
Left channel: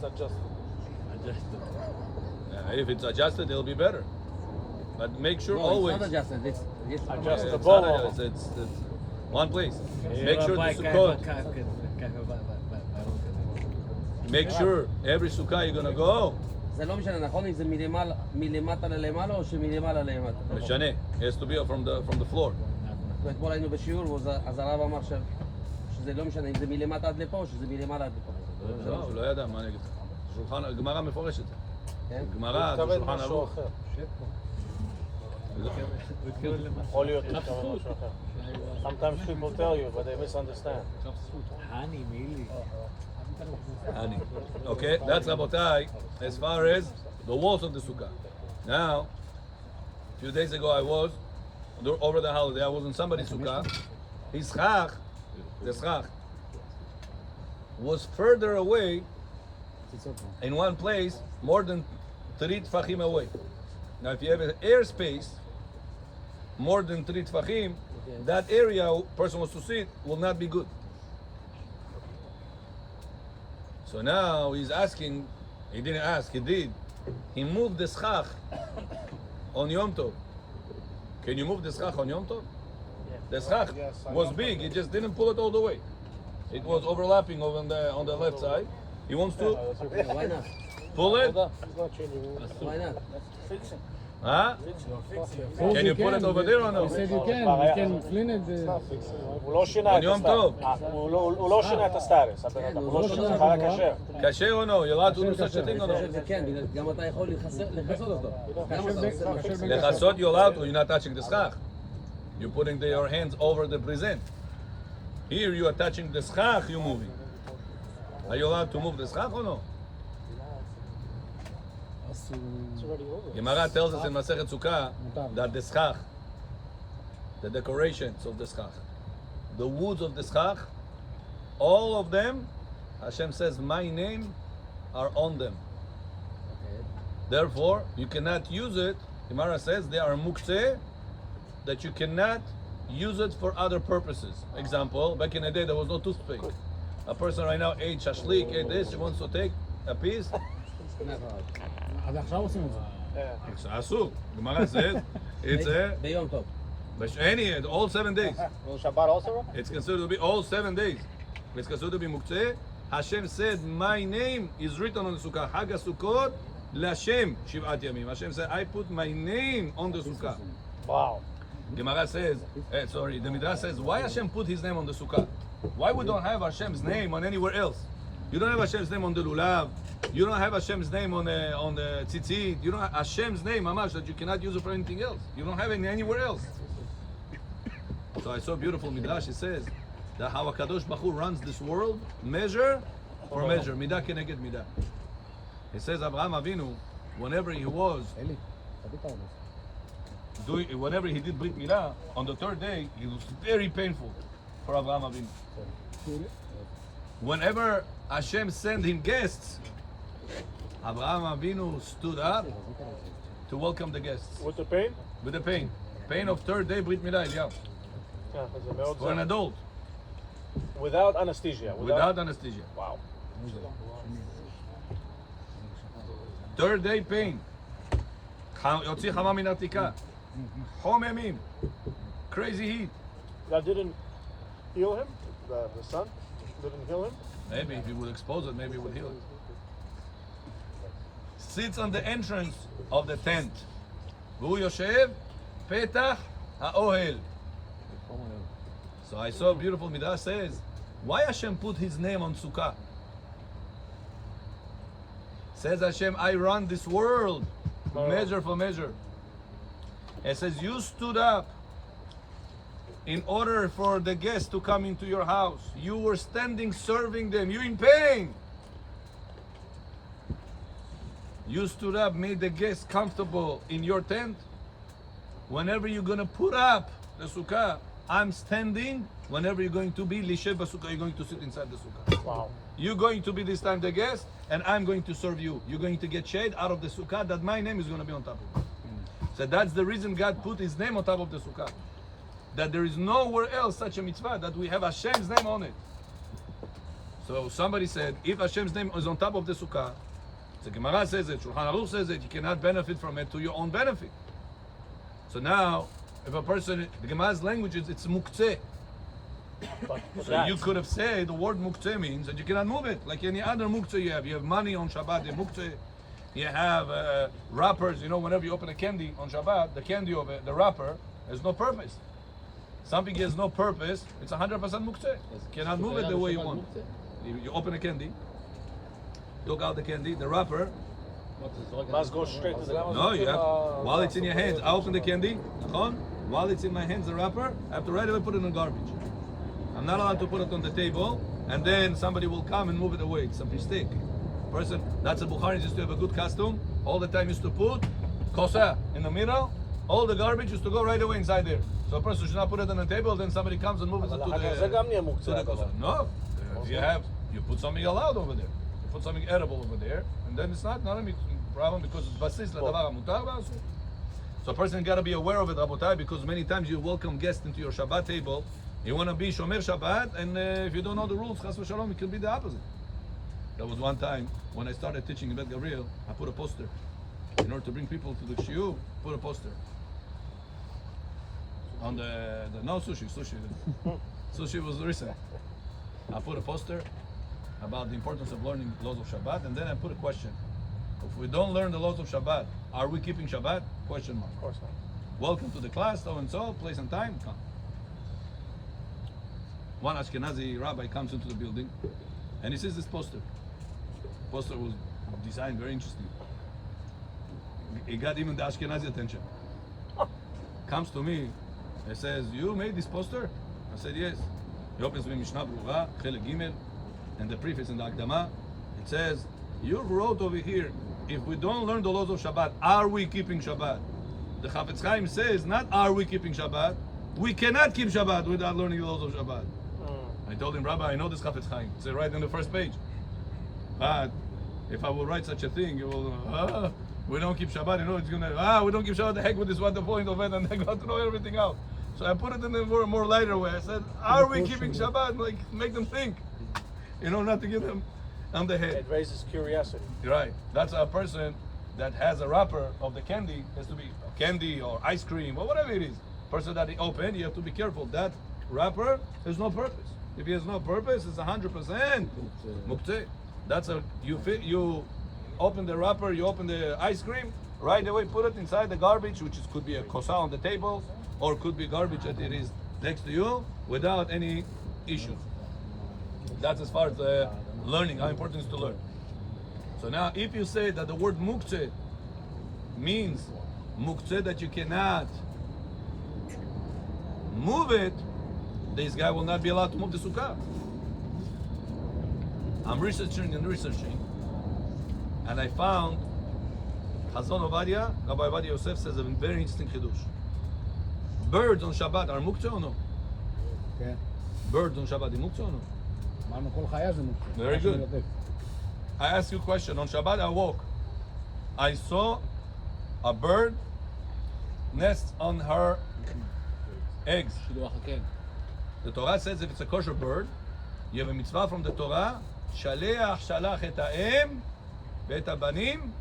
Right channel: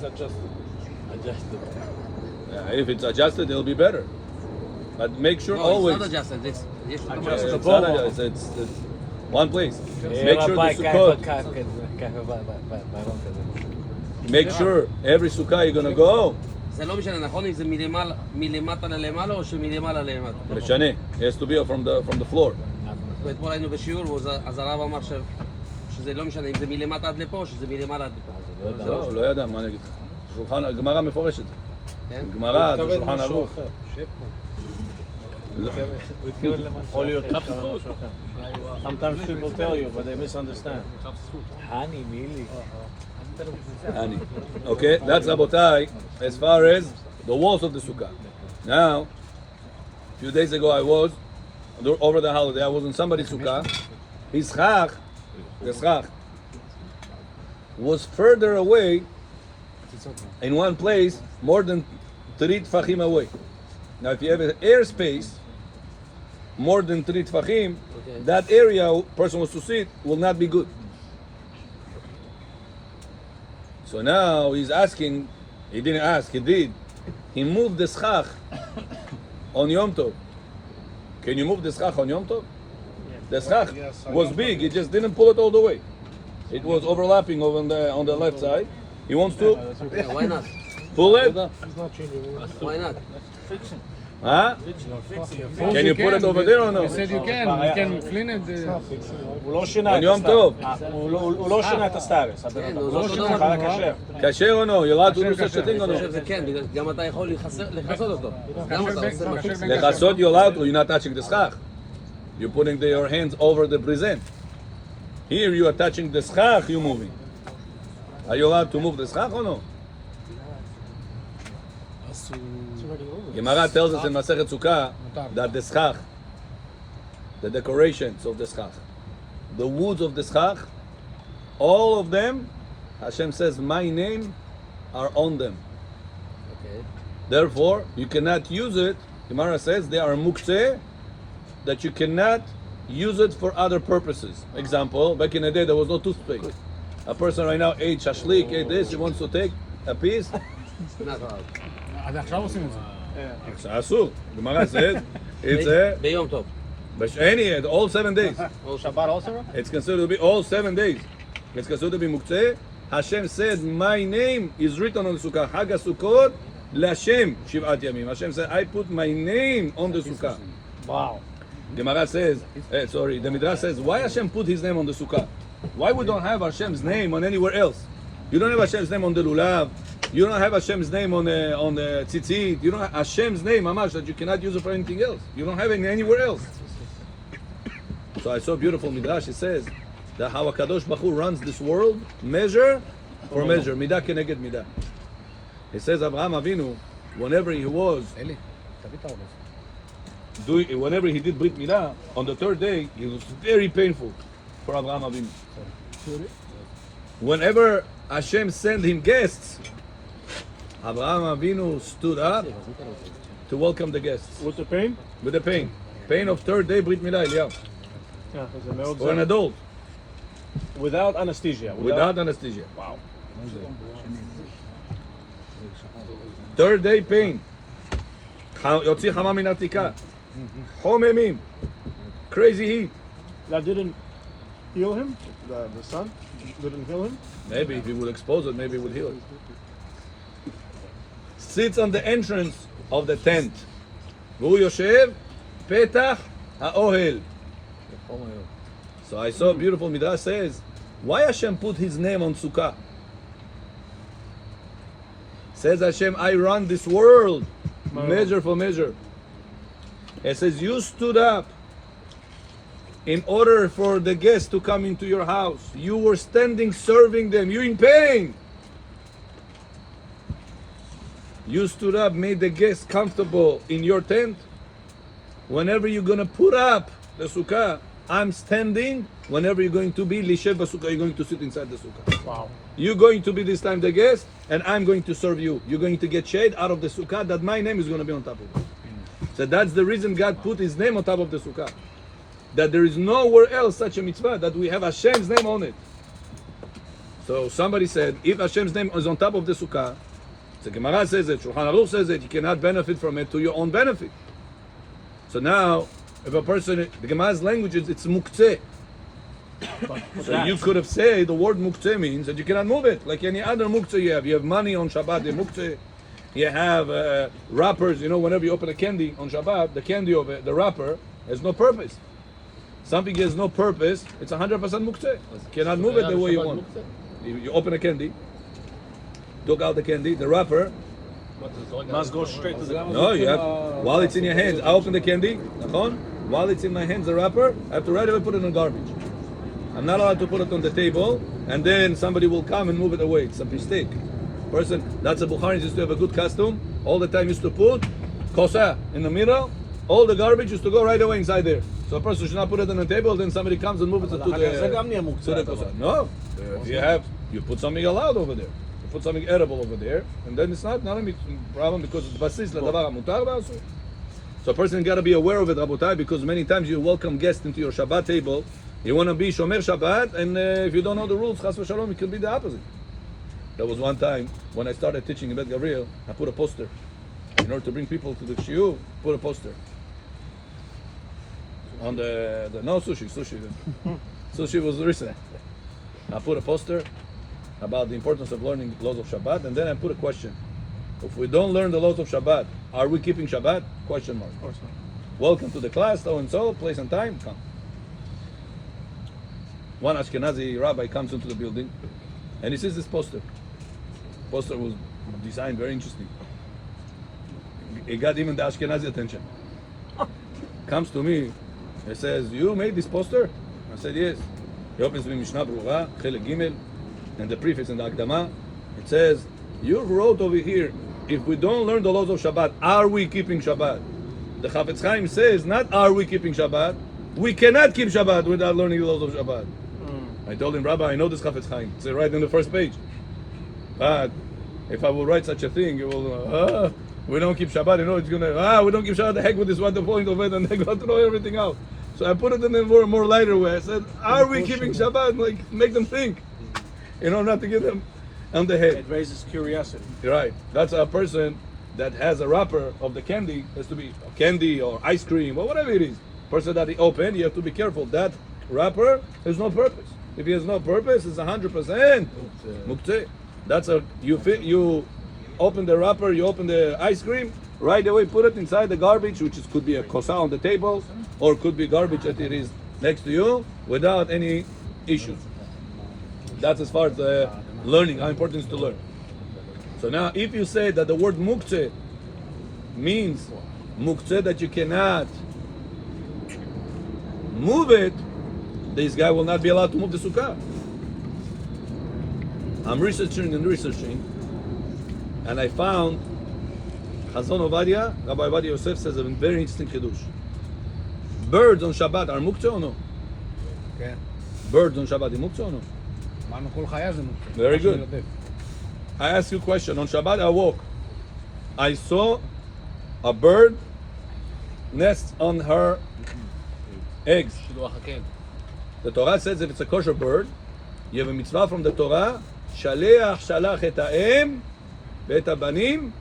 adjusted. Yeah, if it's adjusted, it'll be better. But make sure always. It's not adjusted. It's not adjusted. It's one place. Make sure the sukkah. Make sure every sukkah you're gonna go. זה לא משנה, נכון אם זה מלמטה ללמעלה או שמלמעלה למטה? משנה. It has to be from the floor. ואתמול היינו בשיעור, אז הרב אמר שזה לא משנה אם זה מלמטה עד לפה או שזה מלמעלה עד לפה. לא ידע, מה אני אגיד לך? שולחן, הגמרא מפורשת. כן? גמרא, זה התכוון שולחן משהו ערוך. אחר. יכול להיות משהו אחר. Sometimes people tell you, but they misunderstand. חני, מילי. Okay, that's Rabotai as far as the walls of the sukkah. Now, a few days ago I was, over the holiday, I was in somebody's sukkah. His schach, the schach, was further away in one place more than 3 tfachim away. Now, if you have an airspace more than 3 tfachim, that area person wants to sit will not be good. So now he's asking, he didn't ask, he did. He moved the schach on Yom Tov. Can you move the schach on Yom Tov? The schach was big, he just didn't pull it all the way. It was overlapping over on the left side. He wants to Why not? pull it. Why not? Huh? Can you put it over there or no? You said you can clean it. הוא לא שינה On את Yom הסטטוס. Tov. הוא לא שינה את הסטטוס. כן, הוא הוא לא לא שינה, שינה. היה כשר. כשר או לא? You're allowed to do such a thing or אני no? חושב שזה כן, בגלל גם אתה יכול לכסות אותו. גם אתה עושה משהו. Lechasot, you're allowed to, you're not touching the schach. You're putting your hands over the present. Here you are touching the schach, you're moving. Are you allowed to move the schach or no? Gemara tells us in Masechet Sukkah that the schach, the decorations of the schach, the woods of the schach, all of them, Hashem says, my name are on them. Okay. Therefore, you cannot use it. Gemara says they are muktzeh, that you cannot use it for other purposes. Example, back in the day there was no toothpaste. A person right now ate shashlik, ate this, he wants to take a piece. Not allowed. עד עכשיו עושים את זה. אסור. Gemara says it's a ביום טוב. any all 7 days. או שבת also? It's considered to be all 7 days. It's considered to be muktzeh. Hashem said, my name is written on the sukkah. Chag Sukkot LaShem Shivat Yamim. Hashem said, I put my name on the sukkah. וואו. Gemara says, the Midrash says, why Hashem put his name on the sukkah? Why we don't have Hashem's name on anywhere else? You don't have Hashem's name on the lulav. You don't have Hashem's name on the tzitzit. You don't have Hashem's name, mamash, that you cannot use it for anything else. You don't have it anywhere else. So I saw a beautiful Midrash. It says that how HaKadosh Baruch Hu runs this world, measure for measure, midah keneged midah. It says Abraham Avinu, whenever he was whenever he did Brit Milah, on the 3rd day, it was very painful for Abraham Avinu. Whenever Hashem sent him guests, Abraham Avinu stood up to welcome the guests What's the pain? with the pain. Pain of 3rd day Brit Milah, Eliyahu. זה מאוד For an זר. adult, Without anesthesia. without anesthesia. Wow. 3rd day pain. יוציא חמה מן עתיקה. חוממים. Crazy heat. That didn't heal him? The sun didn't heal him? Maybe if he would expose it, maybe it would heal it. Sits on the entrance of the tent. והוא יושב פתח האוהל. So I saw a beautiful Midrash says, why Hashem put his name on Sukkah? Says Hashem, I run this world, measure for measure. It says, you stood up in order for the guests to come into your house. You were standing serving them. You're in pain. You stood up, made the guests comfortable in your tent. Whenever you're going to put up the sukkah, I'm standing. Whenever you're going to be lishev b'sukkah, you're going to sit inside the sukkah. Wow. You're going to be this time the guest, and I'm going to serve you. You're going to get shade out of the sukkah that my name is going to be on top of it. So that's the reason God put his name on top of the sukkah. That there is nowhere else such a mitzvah that we have Hashem's name on it. So somebody said, if Hashem's name is on top of the sukkah, the Gemara says it, Shulchan Aruch says it, you cannot benefit from it to your own benefit. So now, if a person, the Gemara's language is, it's muktzeh. So you could have said the word muktzeh means that you cannot move it. Like any other muktzeh you have. You have money on Shabbat, the muktzeh. You have wrappers, whenever you open a candy on Shabbat, the candy of it, the wrapper, has no purpose. Something has no purpose, it's 100% muktzeh. You cannot move it the way you want. You open a candy, took out the candy, the wrapper. Must go straight to the No, you have, while it's in your hands, I open the candy, נכון? While it's in my hands, the wrapper, I have to right away put it in garbage. I'm not allowed to put it on the table, and then somebody will come and move it away. It's a mistake. Person, that's a Bukhari used to have a good custom. All the time used to put kosa in the middle. All the garbage used to go right away inside there. So a person should not put it on the table, then somebody comes and moves it to the kosa. No, you put something allowed over there. You put something edible over there, and then it's not a problem because it's basis l'davar mutar v'asur. So a person got to be aware of it, Rabotai, because many times you welcome guests into your Shabbat table. You want to be Shomer Shabbat, and if you don't know the rules, Chas v'shalom, it could be the opposite. There was one time when I started teaching in Bet Gabriel, I put a poster. In order to bring people to the shiur, put a poster. On the no sushi sushi was recent. I put a poster about the importance of learning the laws of Shabbat, and then I put a question. If we don't learn the laws of Shabbat, are we keeping Shabbat? Question mark. Welcome to the class, so and so, place and time, come. One Ashkenazi rabbi comes into the building, and he sees this poster. The poster was designed very interesting. It got even the Ashkenazi attention. Comes to me, he says, "You made this poster?" I said, "Yes." He opens me Mishnah Berurah, Chelek Gimel, and the preface and the Akdama. It says, "You wrote over here, if we don't learn the laws of Shabbat, are we keeping Shabbat?" The Chafetz Chaim says, not are we keeping Shabbat, we cannot keep Shabbat without learning the laws of Shabbat. I told him, Rabbi, I know this Chafetz Chaim. It's right on the first page. But if I will write such a thing, it will, we don't keep Shabbat, it's gonna, we don't keep Shabbat, the heck with this one, the point of it, and they got to know everything out. So I put it in a more lighter way. I said, are we keeping Shabbat? Like, make them think. Not to get them on the head. It raises curiosity. You're right. That's a person that has a wrapper of the candy, has to be candy or ice cream or whatever it is. Person that he opened, you have to be careful. That wrapper has no purpose. If he has no purpose, it's 100% muktzeh. That's you open the wrapper, you open the ice cream, right away put it inside the garbage, which could be a kosa on the table, or could be garbage that it is next to you, without any issues. That's as far as learning, how important it is to learn. So now, if you say that the word muktzeh means muktzeh that you cannot move it, this guy will not be allowed to move the sukkah. I'm researching, and I found Chazon Ovadia, Rabbi Ovadia Yosef says a very interesting chiddush. Birds on Shabbat are muktzeh or no? כן. Birds on Shabbat are muktzeh or no? אמרנו כל חיה זה מוקצה. Very good. I ask you a question. On Shabbat I woke. I saw a bird nest on her eggs. The Torah says if it's a kosher bird, you have a mitzvah from the Torah, shaleach shalach et ha'em ve'et habanim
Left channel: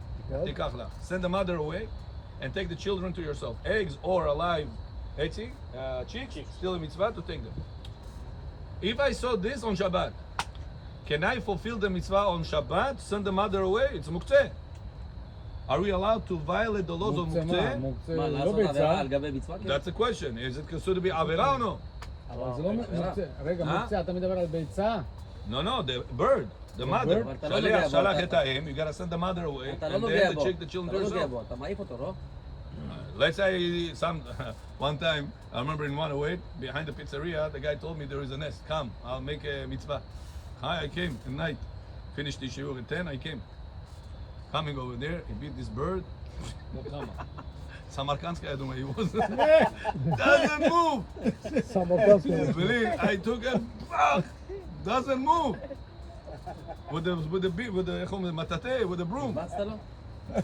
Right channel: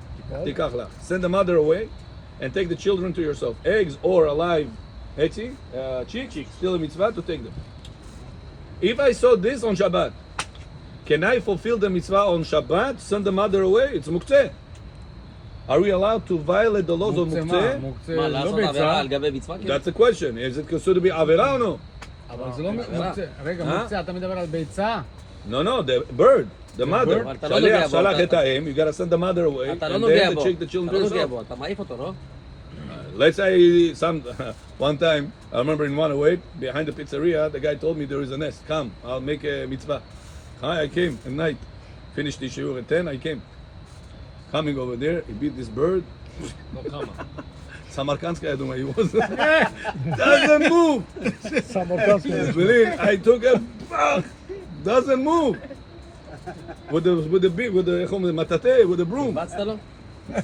tikach lach. Send the mother away and take the children to yourself. Eggs or a live chick, still a mitzvah to take them. If I saw this on Shabbat, can I fulfill the mitzvah on Shabbat, send the mother away? It's muktzeh. Are we allowed to violate the laws of muktzeh? מה, לעשות עבירה על גבי מצווה? That's the question. Is it considered to be avera or no? אבל זה לא מוקצה. רגע, מוקצה, אתה מדבר על ביצה? No, the bird, the mother. אתה לא נוגע בו, שלח את האם, you gotta send the mother away, אתה לא and נוגע then בו, take the אתה children לא to נוגע yourself. בו, אתה מעיף אותו, לא? Let's say one time, I remember in one away, behind the pizzeria, the guy told me there is a nest. Come, I'll make a mitzvah. Hi, I came at night. Finished the shiur at 10, I came. Coming over there, he beat this bird. Samarkandskaya Duma, he was. Doesn't move! Believe, I took a doesn't move! With the matate, with the broom. בצת לו?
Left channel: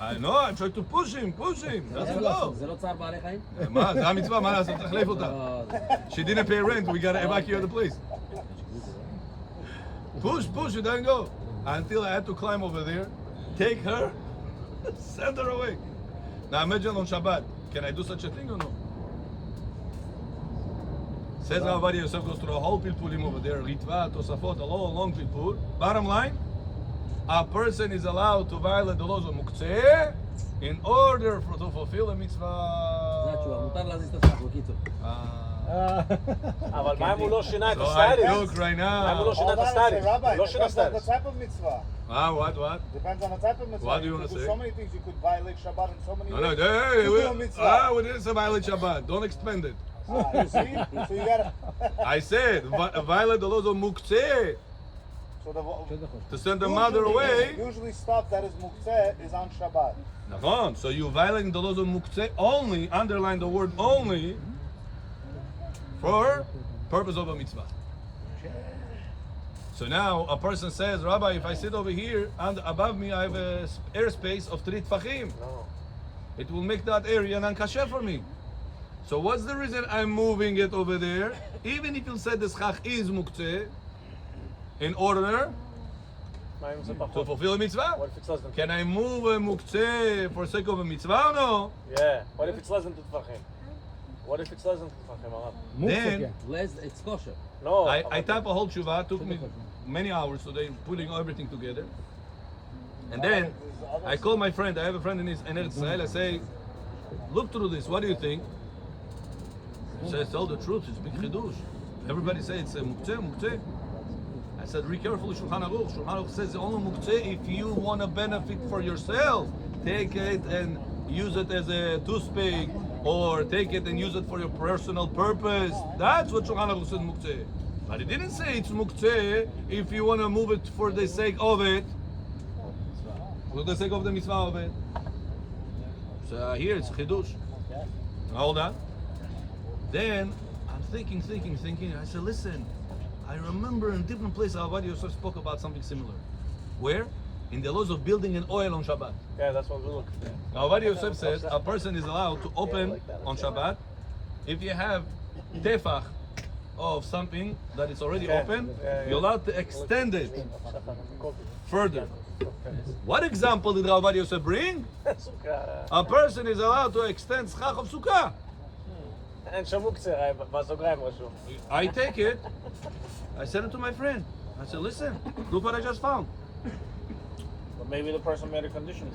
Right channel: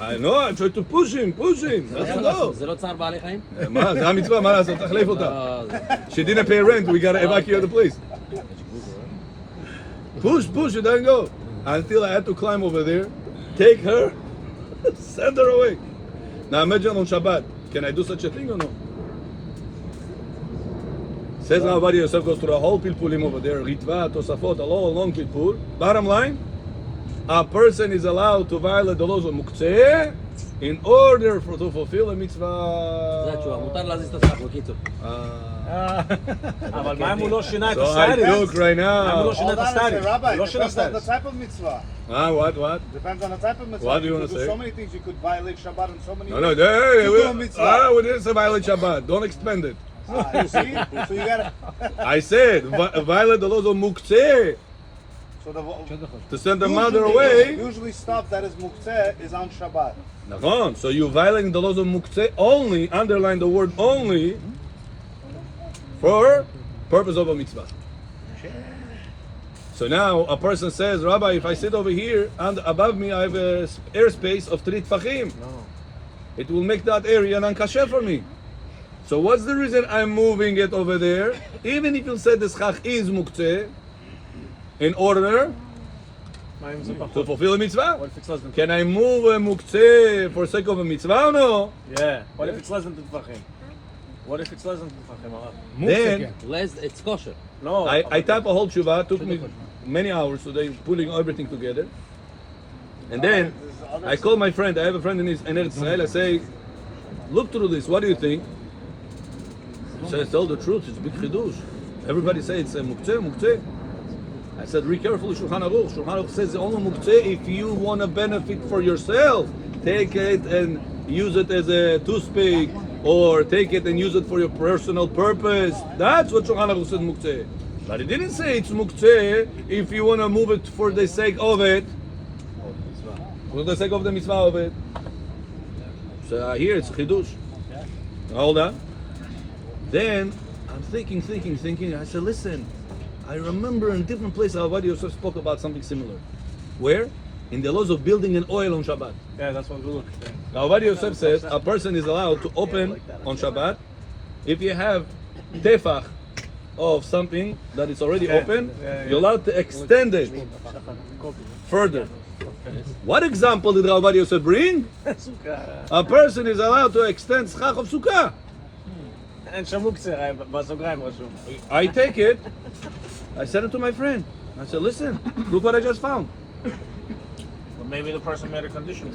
I know, I tried to push him. That's go. זה לא צער בעלי חיים? מה, זה המצווה, מה לעשות? תחליף אותה. She didn't pay rent, we gotta evacuate the place. Push, it doesn't go. Until I had to climb over there, take her, send her away. Now imagine on Shabbat, can I do such a thing or no? Says Rabbi Yosef goes through the whole pilpulim over there, Ritva, Tosafot, a long pilpul. Bottom line, a person is allowed to violate the laws of Muktzeh in order to fulfill a זה mitzvah. התשובה, מותר להזיז את הסכך, בקיצור. אבל מה אם הוא לא שינה את So I הסטטוס? took right למה הוא now. לא שינה Hold את on a second, הסטטוס? Rabbi. הוא לא שינה Depends on the סטטוס. type of mitzvah. What? Depends on the type of mitzvah. What do you wanna could say? So many things you could violate Shabbat and so many. No, things. hey, You do a mitzvah. we didn't say violate Shabbat. Don't expand it. You see? So you gotta. I said violate the laws of muktzeh So the to send the mother away. Usually stuff that is muktzeh is on Shabbat. Nachon. So you violating the laws of muktzeh only. Underline the word only for purpose of a mitzvah. So now a person says, Rabbi, if I sit over here and above me I have a airspace of 3 tfachim, it will make that area non-kasher for me. So what's the reason I'm moving it over there? Even if you said the schach is muktzeh, in order מה אם זה to פחות? fulfill a mitzvah? What if it's less than Can I move a muktzeh for sake of a mitzvah or no? Yeah. What if it's less than טפחים? What if it's less than טפחים, הרב? Then It's kosher. No. I type a whole tshuva, took me many hours today putting everything together. And then I call my friend, I have a friend in Eretz Israel, I say, look through this, what do you think? He says, tell the truth, it's a big chidush. Everybody says it's a muktzeh. I said, read carefully Shulchan Aruch. Shulchan Aruch says only muktzeh if you want to benefit for yourself. Take it and use it as a toothpick, or take it and use it for your personal purpose. That's what Shulchan Aruch said muktzeh. But it didn't say it's muktzeh if you want to move it for the sake of it. For the sake of the mitzvah of it. So here it's chidush. Hold on. Then I'm thinking. I said, listen, I remember in different places Rabbi Yosef spoke about something similar. Where? In the laws of building an oil on Shabbat. Yeah, that's what we look. Rabbi Yosef says a person is allowed to open on Shabbat if you have tefach of something that is already open, you're allowed to extend it further. What example did Rabbi Yosef bring? A person is allowed to extend schach of sukkah. אין שם מוקצה, בסוגריים רשום. I take it, I sent it to my friend. I said, listen, look what I just found. Maybe the person made a condition.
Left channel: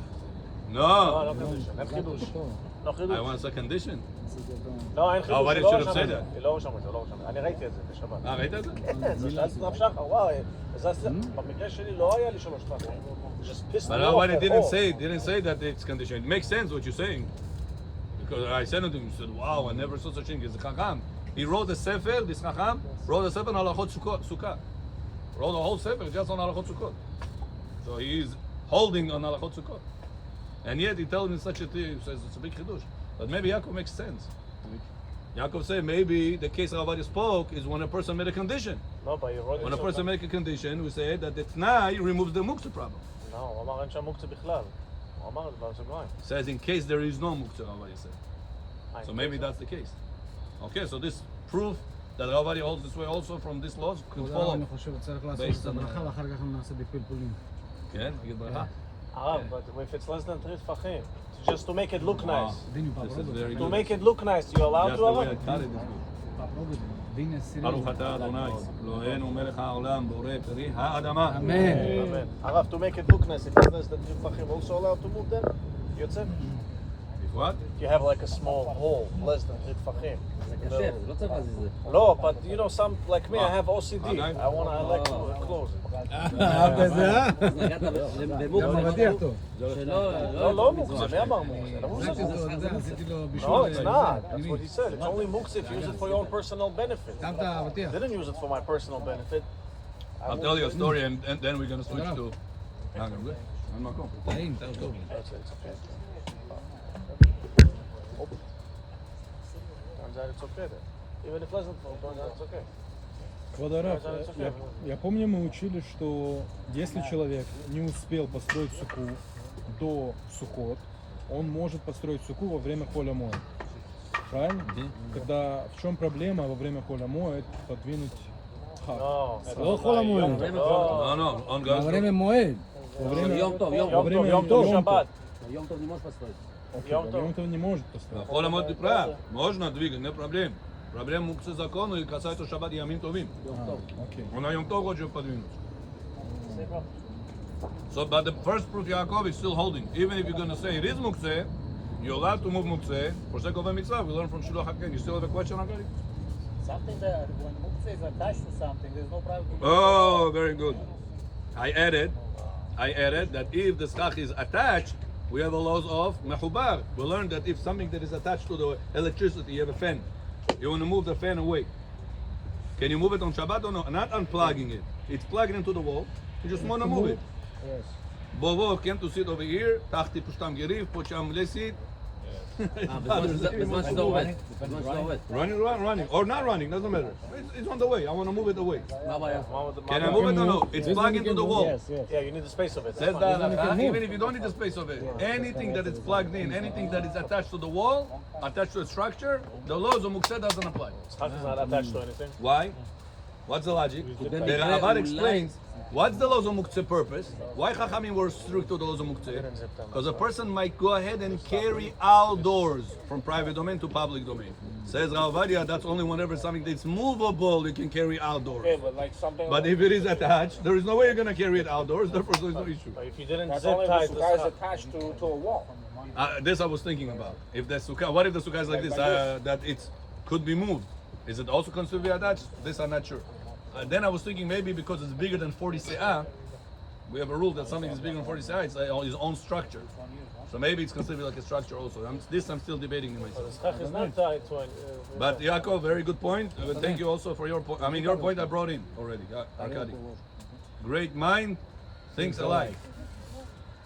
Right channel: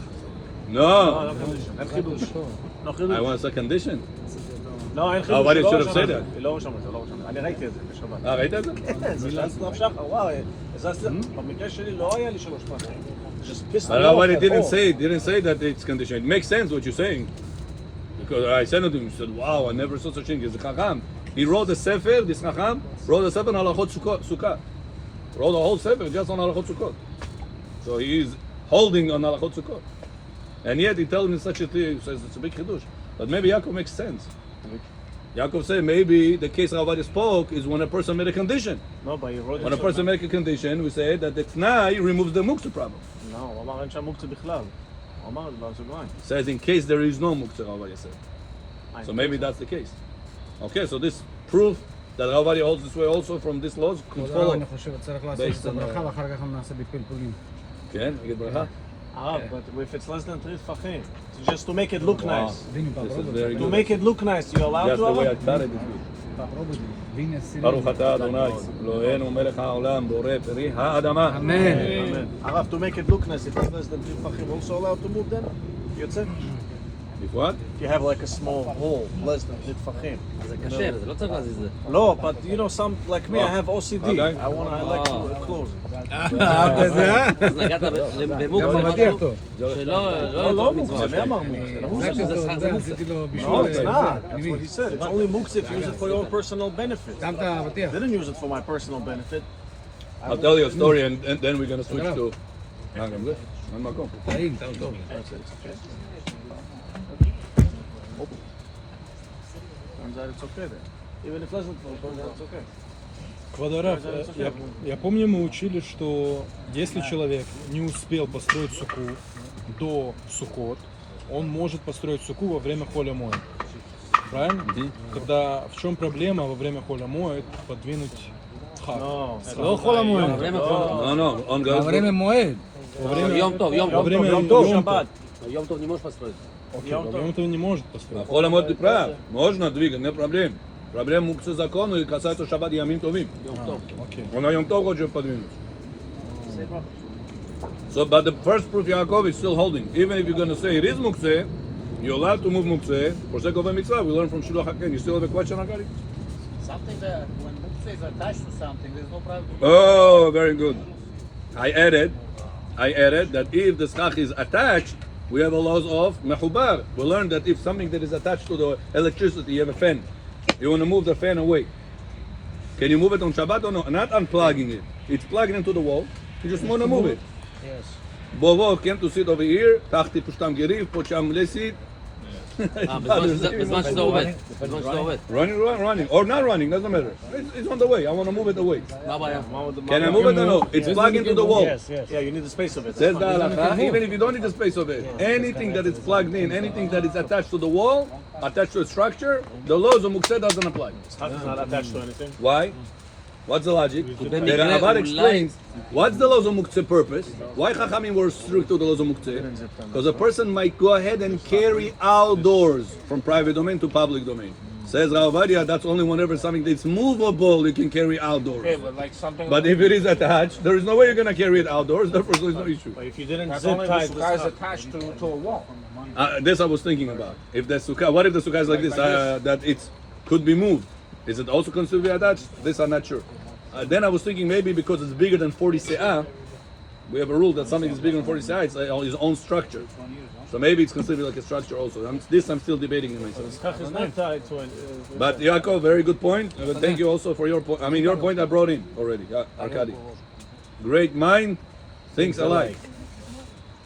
No, אין חידוש. לא חידוש. I want a condition. לא, אין חידוש. Rabbi לא should have רשם said את זה. that. לא רשם את זה, לא רשם. אני ראיתי את זה בשבת. ראית את זה? כן, זה זז לאף שחר, וואו, זז, במקרה שלי לא היה לי 3 פעמים. Just pissed But me off Rabbi at didn't say that it's conditioned. It makes sense what you're saying. Because I sent it to him, he said, wow, I never saw such thing. He's a Chacham. He wrote a sefer, this Chacham, wrote a sefer on Halachot Sukkah. Wrote a whole sefer just on Halachot Sukkot. So he is holding on Halachot Sukkot. And yet he tells me such a thing, he says it's a big chidush. But maybe Yaakov makes sense. Yaakov said maybe the case Rabbi spoke is when a person made a condition. No, but you wrote When a person make a condition, we say that the Tnai removes the muktzah problem. לא, הוא אמר אין שם מוקצה בכלל. הוא אמר, לא, סוגריים. Says in case there is no muktzah, Rabbi said. So maybe that's the case. Okay, so this proof that Rabbi holds this way also from this laws could follow. אני חושב שצריך לעשות Based את on הברכה ואחר כך נעשה בפלפולים. כן, נגיד ברכה. הרב, but if it's less than 3 טפחים, just to make it look Wow, nice. this is very To good. make it look nice, you allowed That's to? the way I cut it. ברוך אתה אדוני, אלוהינו מלך העולם, בורא פרי האדמה. אמן. הרב, to make it look nice, if it's less than 3 טפחים, also allowed to move them? יוצא? If what? If you have like a small hole, less than 3 טפחים. זה קשה, זה לא צריך להזיז את זה. No, but you know, some like me, I have OCD. Okay. I like to close. אז נגעת במוקצה משהו שלא לא יתוך מצווה. מוקצה, נאמר מוקצה. זה מוקצה. No, it's not. That's what he said. It's only muktzah if you use it for your own personal benefit. שמת אבטיח. I didn't use it for my personal benefit. I'll tell you a story and then we're going to switch to... גם זה? אין מקום. תריג, טוב. It's okay. Turns out it's okay then. Even if it doesn't, turns out it's okay. Водорав, я помню, мы учили, что если человек не успел построить суку до Суккот, он может построить суку во время холя моет. Правильно? Когда в чем проблема во время холя моет подвинуть хат? לא יכול המועד. время холя. No, on goes... עברים למועד. יום טוב, יום טוב. Время Йом Shabbat. יום טוב не можешь построить. Йом Тов не может построить. החול המועד ты прав. Можно двигать, нет проблем. Проблема мукцы закону и касается шаббат ямим товим. Он на Йом Тов хочет подвинуть. So, but the first proof Yaakov is still holding. Even if you're going to say it is muktzeh, you're allowed to move muktzeh for sake of a mitzvah. We learn from Shulach HaKen. You still have a question, Akari? Something that when muktzeh is attached to something, there's no problem. Oh, very good. I added that if the schach is attached, we have a laws of mechubar. We learned that if something that is attached to the electricity, you have a fan. You want to move the fan away. Can you move it on Shabbat or no? Not unplugging it. It's plugged into the wall. You just want to move it. Bovo came to sit over here, תחתי פה שתם גריב, פה שם לסית. בזמן שזה עובד. בזמן שזה עובד. Running, or not running, doesn't matter. It's on the way, I want to move it away. מה הבעיה? Can I move it or no? It's plugged into the wall. Yeah, you need the space of it. Says the halacha, even if you don't need the space of it, anything that is plugged in, anything that is attached to the wall, attached to a structure, the laws of Mukseh doesn't apply. Schach is not attached to anything. Why? What's the logic? The Ravad explains what's the laws of Mukseh purpose. Why Chachamim were strict to the laws of Mukseh? Because a person might go ahead and carry outdoors from private domain to public domain. Says Rav Ovadia, that's only whenever something that's movable you can carry outdoors. Okay, but like something. But if it is attached, there is no way you're going to carry it outdoors, therefore there's no issue. If you didn't That's zip only tie the the sukkah is stuff. attached to a wall. This I was thinking about. If the sukkah, what if the sukkah is like this, that it could be moved? Is it also considered to be attached? This I'm not sure. Then I was thinking maybe because it's bigger than 40 se'ah, we have a rule that something is bigger than 40 se'ah, it's its own structure. So maybe it's considered like a structure also. I'm still debating in myself. Schach is not tied to it. But Yaakov, very good point. Thank you also for your point. I mean, your point I brought in already, Arkady. Great mind, thinks alike.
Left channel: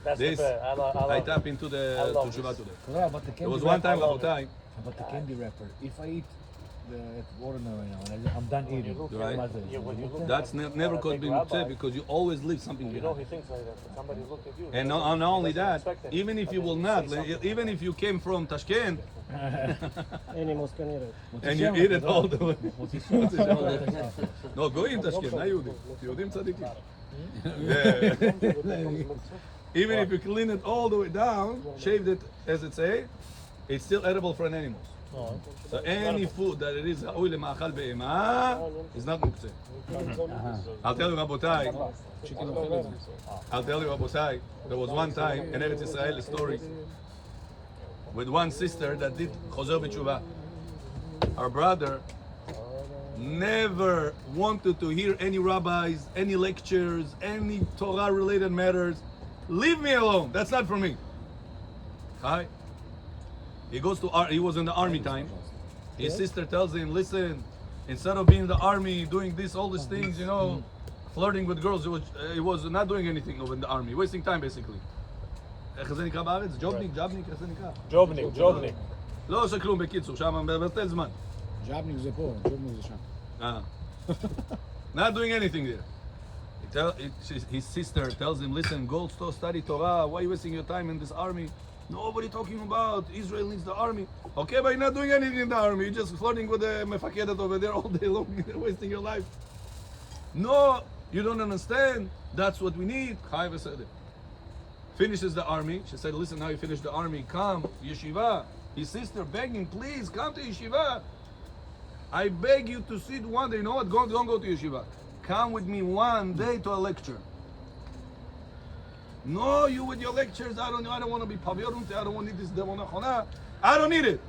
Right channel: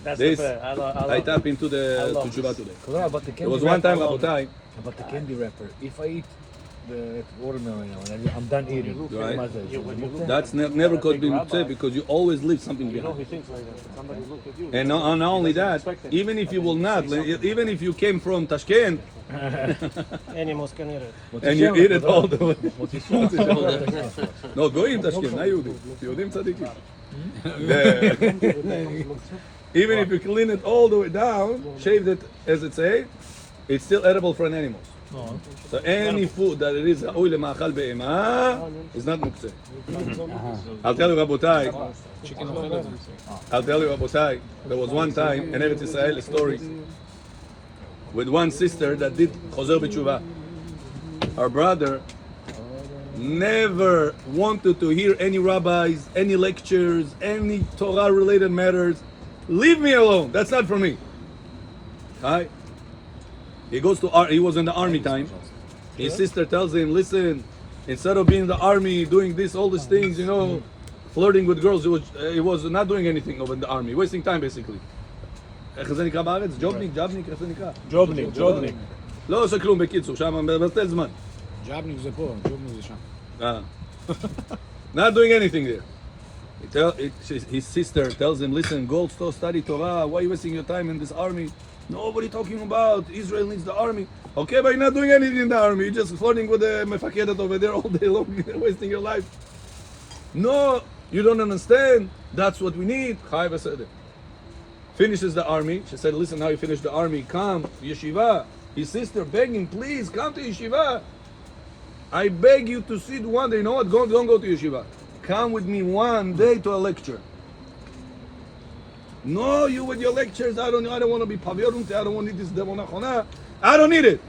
That's This, the fair. I tap into the love Tshuva today. About the candy There was one time, wrapper, Rabotai, about the candy wrapper. If I eat the watermelon and I'm done eating, Right. right? that's never could be mitzvah because you always leave something behind. And not only that, even if you will not, even if you came from Tashkent and you eat it all the way. No, goyim Tashkent, not Yehudim. Yehudim tzaddikim. Even if you clean it all the way down, shave it as it say, it's still edible for an animal. So any food that it is ra'ui lema'achal be'ema is not muktzeh. I'll tell you, Rabotai, there was one time in Eretz Yisrael a story with one sister that did chozer b'tshuva. Her brother never wanted to hear any rabbis, any lectures, any Torah-related matters. Leave me alone. That's not for me. Hi. He was in the army time. His sister tells him, listen, instead of being in the army, doing all these things, flirting with girls, he was not doing anything over in the army, wasting time basically. איך זה נקרא בארץ? ג'ובניק, איך זה נקרא? ג'ובניק. לא עושה כלום בקיצור, שם מבטל זמן. ג'בניק זה פה, ג'בניק זה שם. Not doing anything there. His sister tells him, listen, go study Torah, why are you wasting your time in this army? Nobody talking about Israel needs the army. Okay, but you're not doing anything in the army. You're just flirting with the mefakedet over there all day long, wasting your life. No, you don't understand. That's what we need. Chai v'sedek. Finishes the army. She said, listen, now you finish the army. Come, yeshiva. His sister begging, please, come to yeshiva. I beg you to sit one day. You know what? Don't go to yeshiva. Come with me one day to a lecture. No, you with your lectures. I don't want to be paviorunte. I don't want to need this demonachona. I don't need it.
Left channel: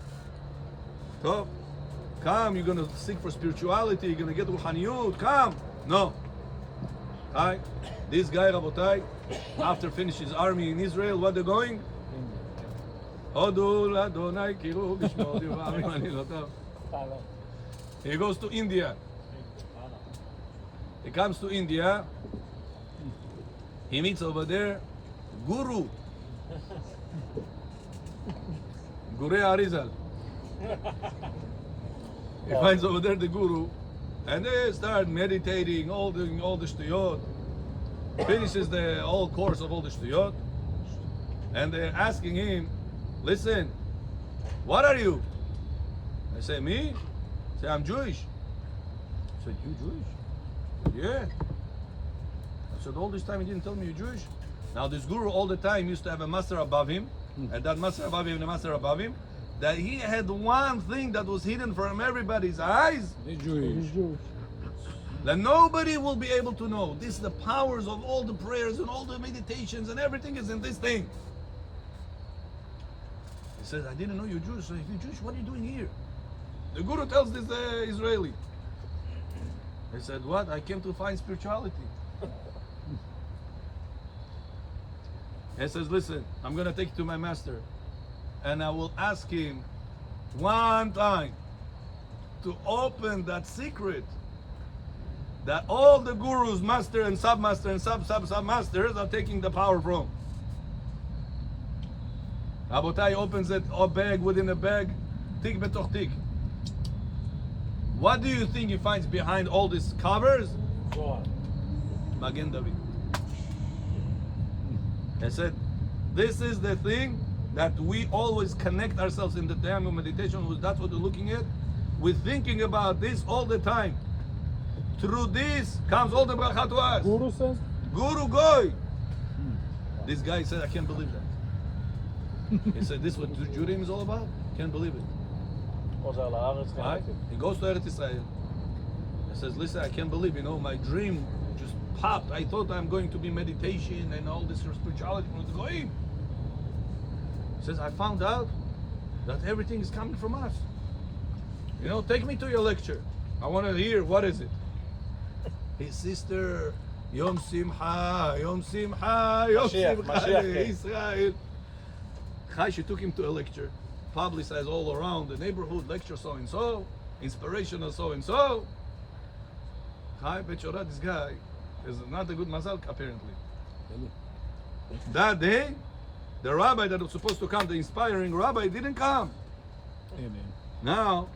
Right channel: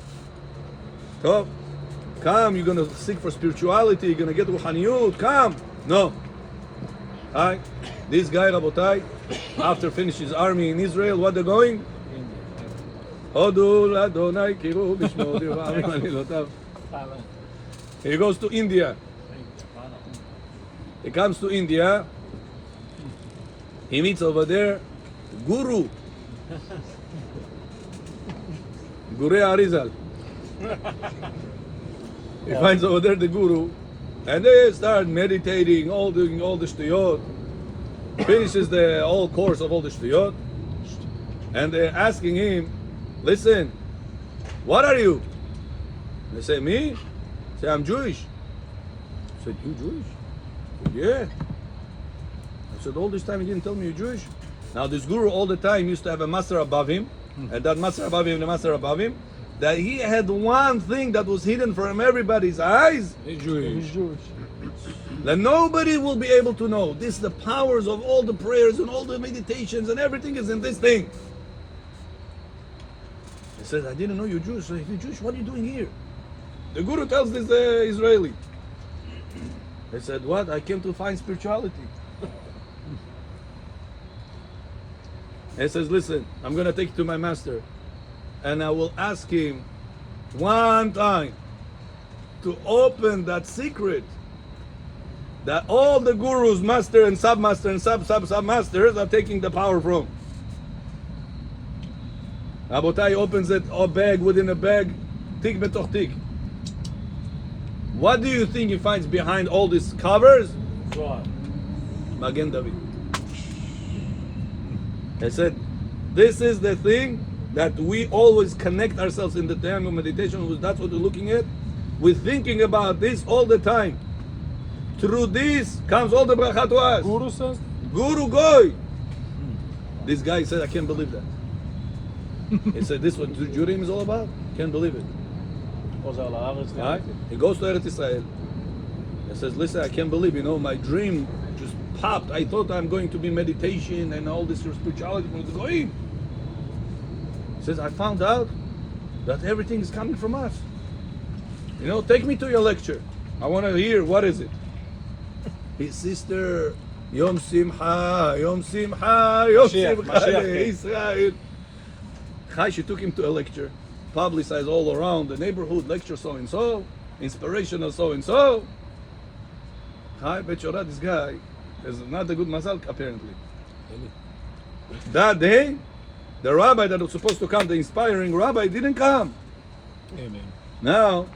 So, come. You're gonna seek for spirituality. You're gonna get ruhaniyut. Come. No. Alright. This guy, Rabotai, after finishing his army in Israel, what they're going? Hodul Adonai Kiru Bishmo Devarim Anilotav. He goes to India. He comes to India. He meets over there Guru. Gure Arizal. He finds over there the Guru. And they start meditating, doing all the shtuyot. Finishes the whole course of all the shtuyot. And they're asking him, listen, what are you? They say, me? Say, I'm Jewish. I said, you Jewish? I said, yeah. I said, all this time you didn't tell me you're Jewish? Now this Guru all the time used to have a master above him, and that master above him, the master above him, that he had one thing that was hidden from everybody's eyes. He's Jewish. that nobody will be able to know. This, the powers of all the prayers and all the meditations and everything is in this thing. He says, I didn't know you're Jewish. So if you're Jewish, what are you doing here? The Guru tells this Israeli. He said, what? I came to find spirituality. He says, listen, I'm going to take you to my master and I will ask him one time to open that secret that all the gurus, master and submaster and sub-submasters are taking the power from. Rabotai opens it, a bag within a bag, tik betoch tik. What do you think he finds behind all these covers? Magen David. I said, this is the thing that we always connect ourselves in the time of meditation. That's what we're looking at. We're thinking about this all the time. Through this comes all the bracha to us. Guru says, Guru Goy. This guy said, I can't believe that. He said, this is what Judaism is all about? Can't believe it. Right? He goes to Eretz Israel. He says, listen, I can't believe, my dream just popped. I thought I'm going to be meditation and all this spirituality from the Goyim. He says, I found out that everything is coming from us. Take me to your lecture. I want to hear, what is it? His sister, Yom Simcha, Yom Simcha, Yom Simcha, Israel. Chai, she took him to a lecture, publicized all around the neighborhood, lecture so-and-so, inspirational so-and-so. Chai, Bechorah, this guy is not a good mazal, apparently. That day, the rabbi that was supposed to come, the inspiring rabbi, didn't come. Amen. Now,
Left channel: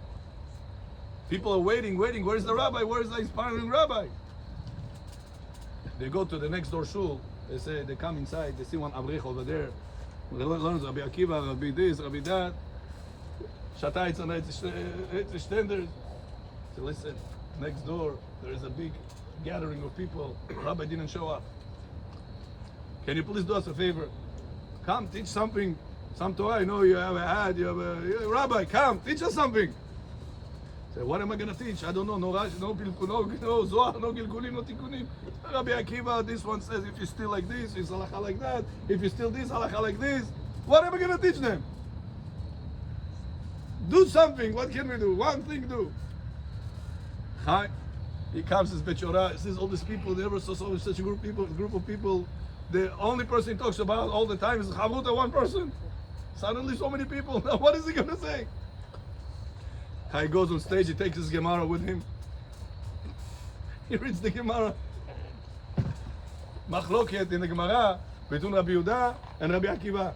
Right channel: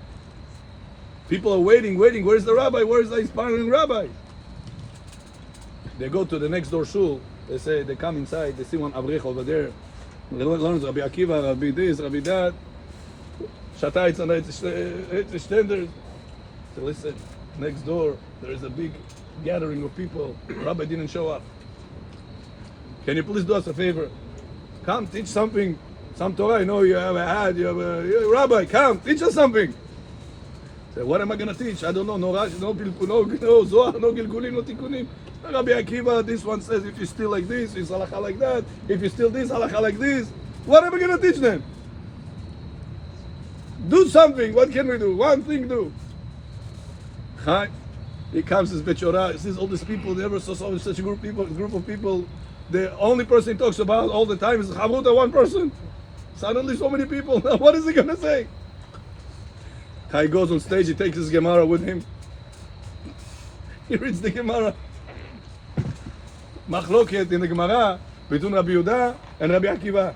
people are waiting. Where's the rabbi? Where's the inspiring rabbi? They go to the next door shul. They come inside. They see one avrich over there. Learns Rabbi Akiva, Rabbi this, Rabbi that. Shatayitz and it's standard. So listen, next door there is a big gathering of people. Rabbi didn't show up. Can you please do us a favor? Come teach something, some Torah. I know you have a rabbi. Come teach us something. So what am I going to teach? I don't know. No Rashi, no Zohar, no Gilgulim, no Tikkunim. Rabbi Akiva, this one says if you steal like this, it's halakha like that. If you steal this, halakha like this. What am I going to teach them? Do something. What can we do? One thing do. Hi. He comes as Bechorah. He sees all these people. Never saw such a group of people. The only person he talks about all the time is Chavruta, one person. Suddenly so many people. What is he going to say? He goes on stage, he takes his Gemara with him. He reads the Gemara. Machloket in the Gemara between Rabbi Yehuda and Rabbi Akiva.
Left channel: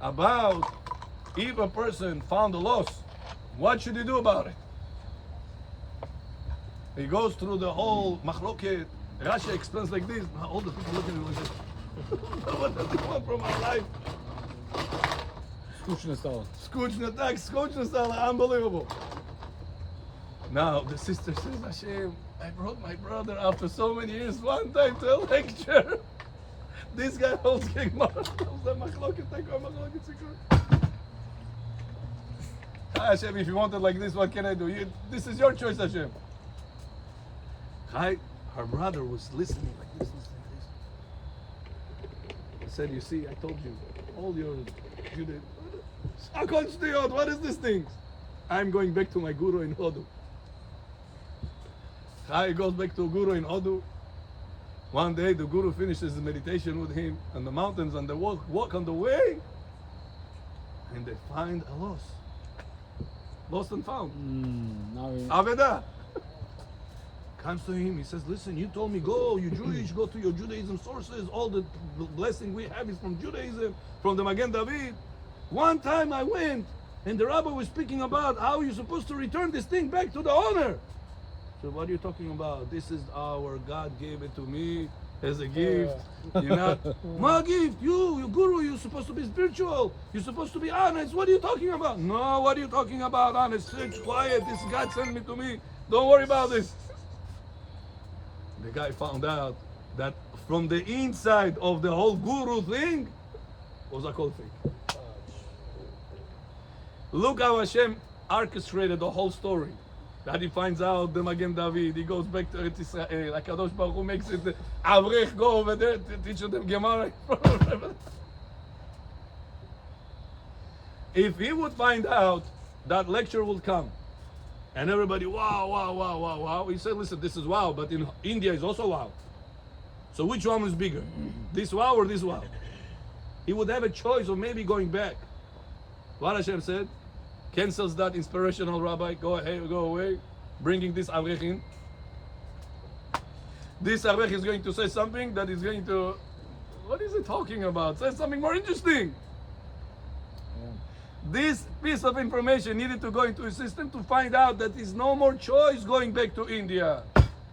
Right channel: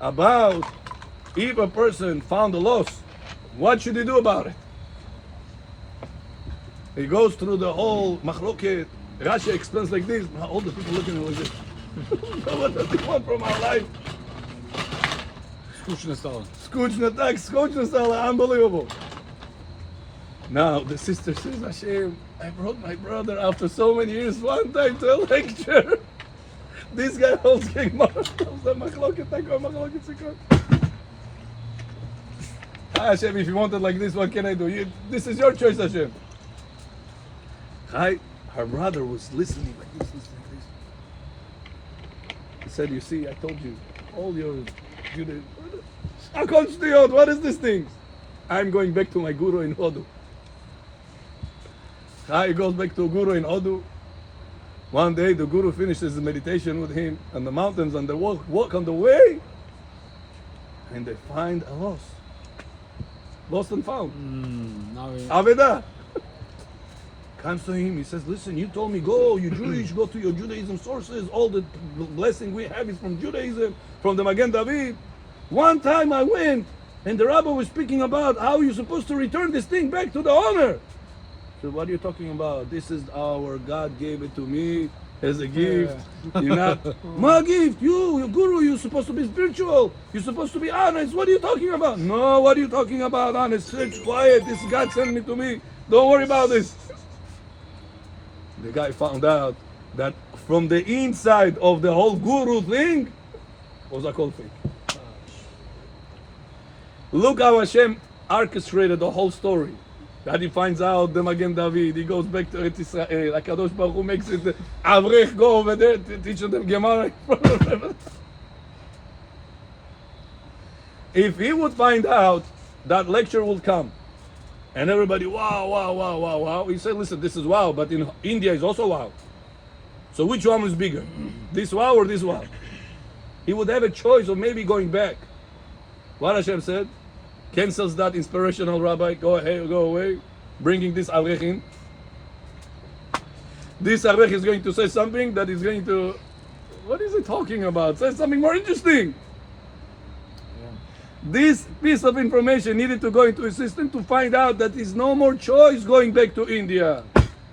About if a person found a loss, what should he do about it? He goes through the whole Machloket. Rashi explains like this. All the people looking at him like this. What does he want from our life? Skutchna Sala, unbelievable. Now the sister says, Hashem, I brought my brother after so many years one time to a lecture. This guy holds Gemara, holds the Machloket, Sukkot. Hashem, if you want it like this, what can I do? This is your choice, Hashem. Her brother was listening like this. He said, you see, I told you, all your what is this thing? I'm going back to my guru in Hodu. He goes back to Guru in Hodu. One day the guru finishes the meditation with him on the mountains and they walk on the way and they find a loss. Lost and found. Aveda. Comes to him, he says, listen, you told me go, you Jewish, go to your Judaism sources, all the blessing we have is from Judaism, from the Magen David. One time I went and the rabbi was speaking about how you're supposed to return this thing back to the owner. So what are you talking about? This is our God gave it to me as a gift. You're not, my gift, your guru, you're supposed to be spiritual. You're supposed to be honest. What are you talking about? No, what are you talking about? Honest, sit quiet. This God sent me to me. Don't worry about this. The guy found out that from the inside of the whole guru thing was a cool thing. Look how Hashem orchestrated the whole story. That he finds out the Magen David, he goes back to Eretz Israel. HaKadosh Baruch Hu makes it, Avrech go over there to teach them Gemara. If he would find out that lecture will come, and everybody, wow, wow, wow, wow, wow, he said, listen, this is wow, but in India is also wow. So which one is bigger? This wow or this wow? He would have a choice of maybe going back. What Hashem said, cancels that inspirational rabbi, go ahead, go away, bringing this Avrech in. This Avrech is going to say something that is going to, what is he talking about? Say something more interesting. This piece of information needed to go into his system to find out that there's no more choice going back to India.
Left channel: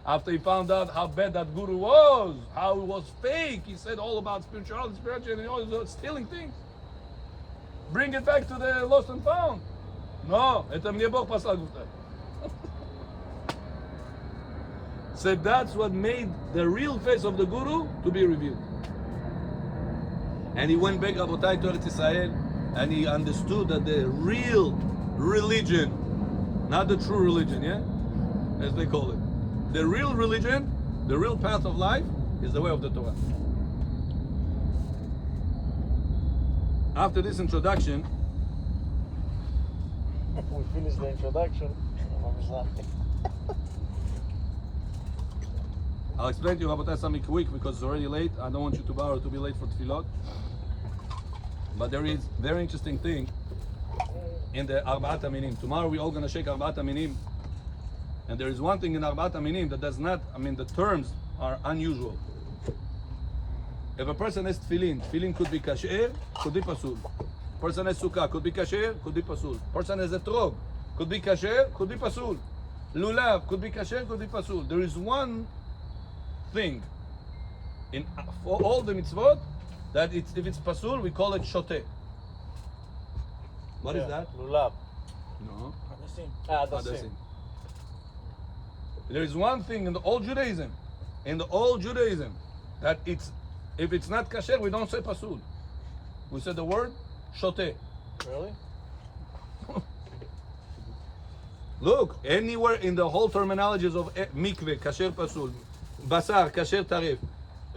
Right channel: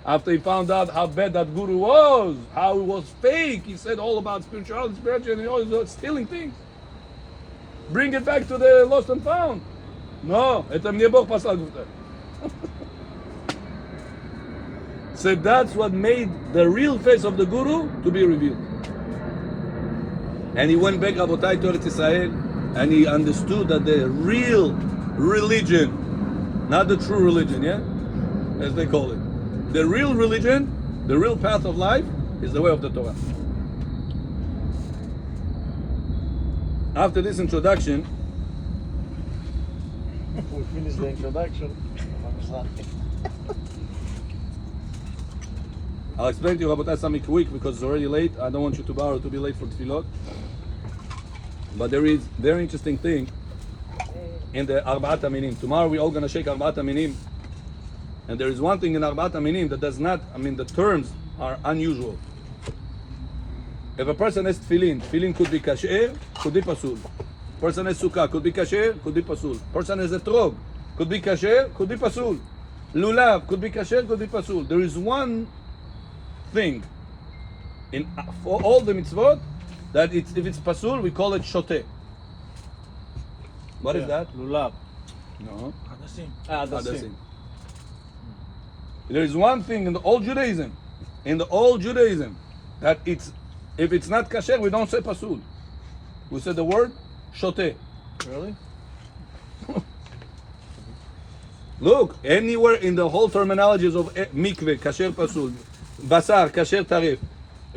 After he found out how bad that guru was, how it was fake, he said all about spirituality, and all those stealing things. Bring it back to the lost and found. No, את המניבוך פסל גופתה. So that's what made the real face of the guru to be revealed. And he went back, Rabotai, to Eretz Israel, and he understood that the real religion, not the true religion, yeah, as they call it, the real religion, the real path of life, is the way of the Torah. After this introduction, We finished the introduction. I'll explain to you about that something quick because it's already late. I don't want you to borrow to be late for tefillot. But there is very interesting thing in the Arbaat Aminim. Tomorrow we're all going to shake Arbaat Aminim. And there is one thing in Arbaat Aminim that does not, the terms are unusual. If a person has tefillin, tefillin could be kasher, could be pasul. Person has sukkah, could be kasher, could be pasul. Person has a trog, could be kasher, could be pasul. Lulav, could be kasher, could be pasul. There is one thing in for all the mitzvot that if it's pasul, we call it shoteh. What is that? Lulav. No. Hadasim. There is one thing in the old Judaism, that if it's not kasher, we don't say pasul. We say the word shoteh. Really? Look, anywhere in the whole terminologies of mikveh, kasher pasul, basar, kasher tarif,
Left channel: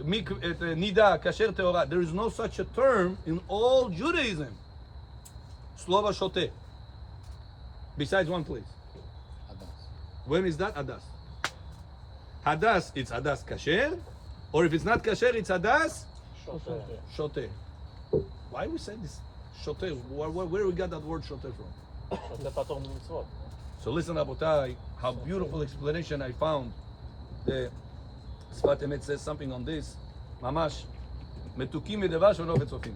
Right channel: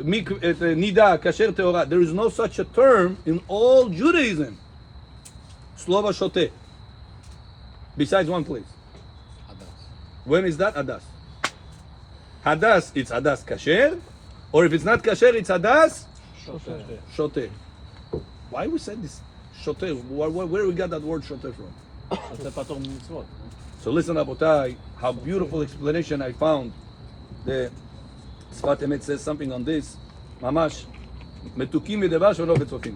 nida, kasher teorah, there is no such a term in all Judaism. Slova shoteh. Besides one place. When is that? Hadas. Hadas, it's hadas kasher, or if it's not kasher, it's hadas shoteh. Why we said this shoteh? Where we got that word shoteh from? That's a patur mitzvot. So listen, Rabotai, how beautiful explanation I found. The Sfat Emet says something on this. Mamash, metukim midavash v'lo betzofim.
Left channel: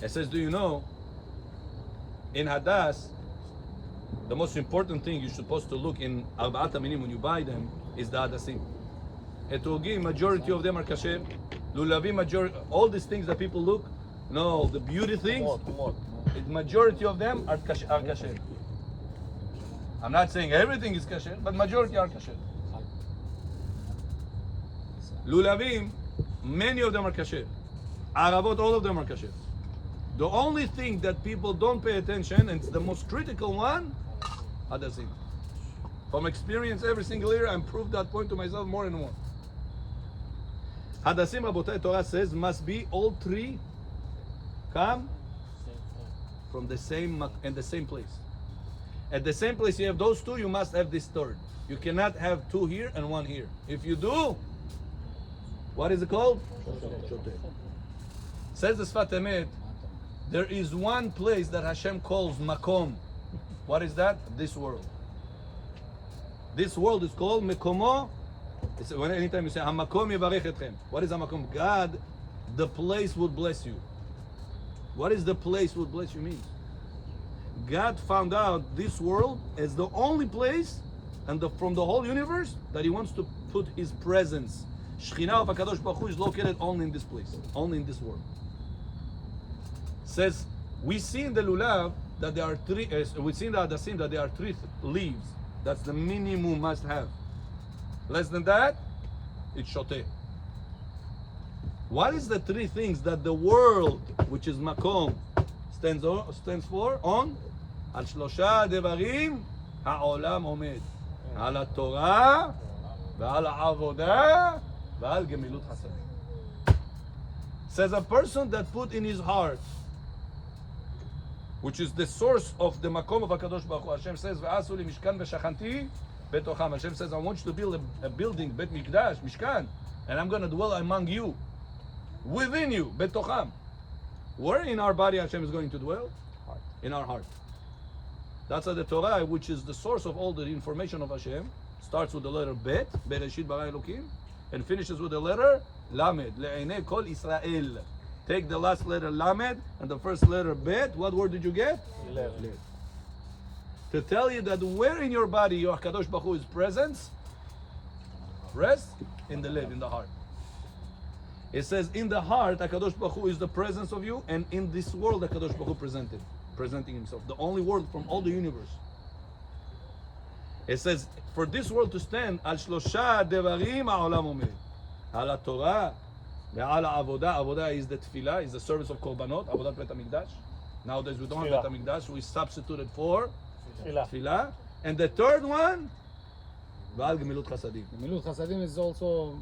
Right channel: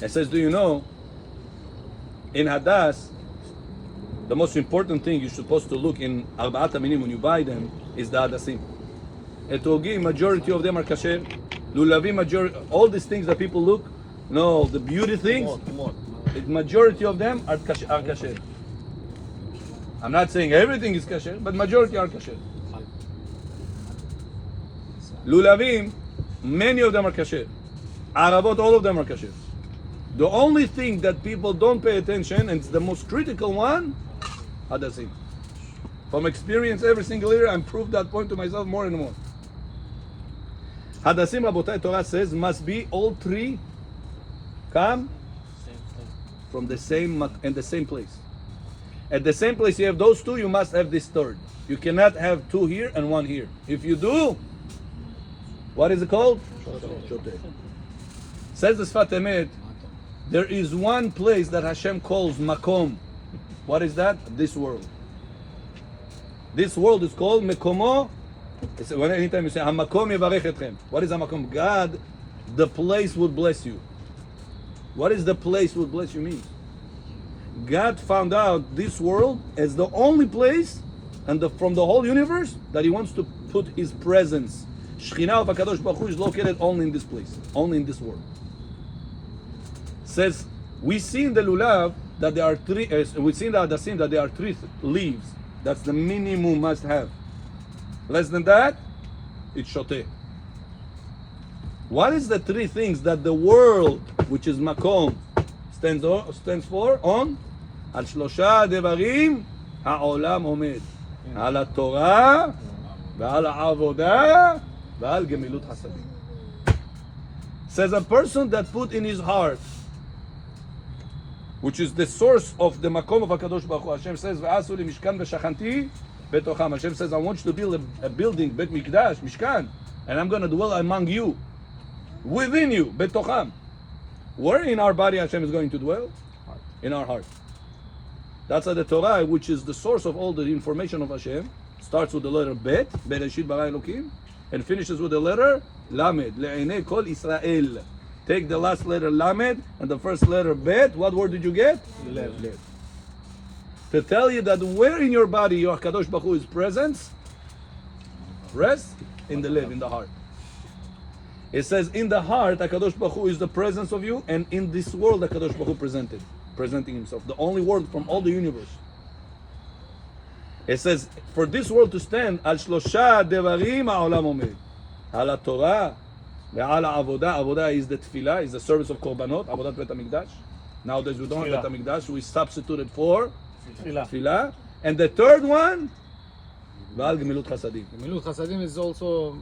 It says, do you know, in Hadas, the most important thing you're supposed to look in Arbaat Aminim when you buy them is the Hadasim. Etogim, majority of them are kasher. Lulavim, majority, all these things that people look, no, the beauty things, the majority of them are kasher. I'm not saying everything is kasher, but majority are kasher. Lulavim, many of them are kasher. Aravot, all of them are kasher. The only thing that people don't pay attention, and it's the most critical one, Hadasim. From experience every single year, I proved that point to myself more and more. Hadasim, Rabotai, Torah says, must be all three come from the same and the same place. At the same place you have those two, you must have this third. You cannot have two here and one here. If you do, what is it called? Shoteh. Says the Sfat Emet, there is one place that Hashem calls Makom. What is that? This world. This world is called Mekomo. Anytime you say Hamakom Yevarech Etchem. What is Hamakom? God, the place would bless you. What is the place would bless you mean? God found out this world as the only place and from the whole universe that He wants to put His presence. Shekhinah of HaKadosh Baruch Hu is located only in this place, only in this world. Says, we see in the Lulav that there are three, we see in the Hadasim that there are three leaves. That's the minimum must have. Less than that, it's shoteh. What is the three things that the world, which is Makom, stands for? On? Al Shlosha Devarim העולם עומד על התורה ועל העבודה ועל גמילות חסדים. Says a person that put in his heart, which is the source of the makom of HaKadosh Baruch Hu. Hashem says, "V'asu li mishkan v'shachanti betocham." Hashem says, I want you to build a building, Bet Mikdash, Mishkan, and I'm going to dwell among you, within you, betocham. Where in our body Hashem is going to dwell? In our heart. That's the Torah, which is the source of all the information of Hashem. Starts with the letter Bet, Bereshit bara Elokim, and finishes with the letter Lamed, Le'enei Kol Israel. Take the last letter Lamed and the first letter Bet. What word did you get? Lev. To tell you that where in your body your Kadosh Baruch Hu is presence, rest in the Lev, in the heart. It says in the heart, HaKadosh Baruch Hu is the presence of you, and in this world HaKadosh Baruch Hu presenting himself, the only world from all the universe. It says, for this world to stand, al shlosha devarim ha'olam omed, al ha'torah ve'al ha'avodah. Avodah is the tefillah, is the service of korbanot, avodat Bet HaMikdash. Nowadays we don't have Bet HaMikdash, we substituted for tefillah. And the third one, ve'al gemilut chasadim. Gemilut Chasadim is also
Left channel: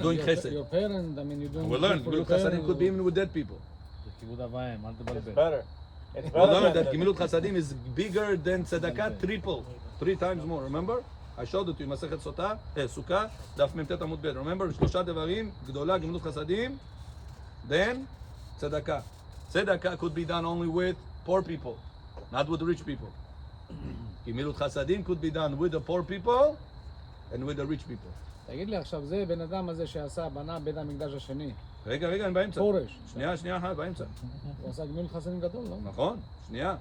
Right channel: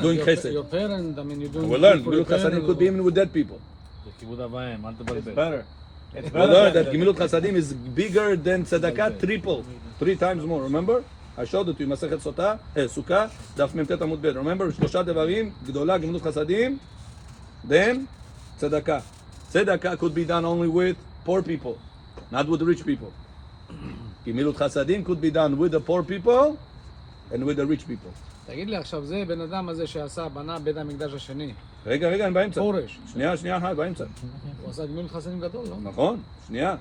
Doing chesed. Your parent, I mean, you doing We'll learn, for your gemilut chasadim parent could be even with dead people. כיבוד אב ואם, אל תבלבל. Better. It's We'll better. learn that gemilut chasadim is bigger than tzedakah, triple, 3 times more. Remember? I showed it to you, Masechet Sukkah, Daf Memtet Amud Bet. Remember, שלושה דברים, גדולה, גמילות חסדים, then tzedakah. Tzedakah could be done only with poor people, not with rich people. גמילות חסדים could be done with the poor people and with the rich people. תגיד לי עכשיו, זה בן אדם הזה שעשה, בנה בית המקדש השני. רגע, אני באמצע. פורש. שנייה אחת, באמצע. הוא עשה גמילות חסדים גדול, לא? נכון, שנייה.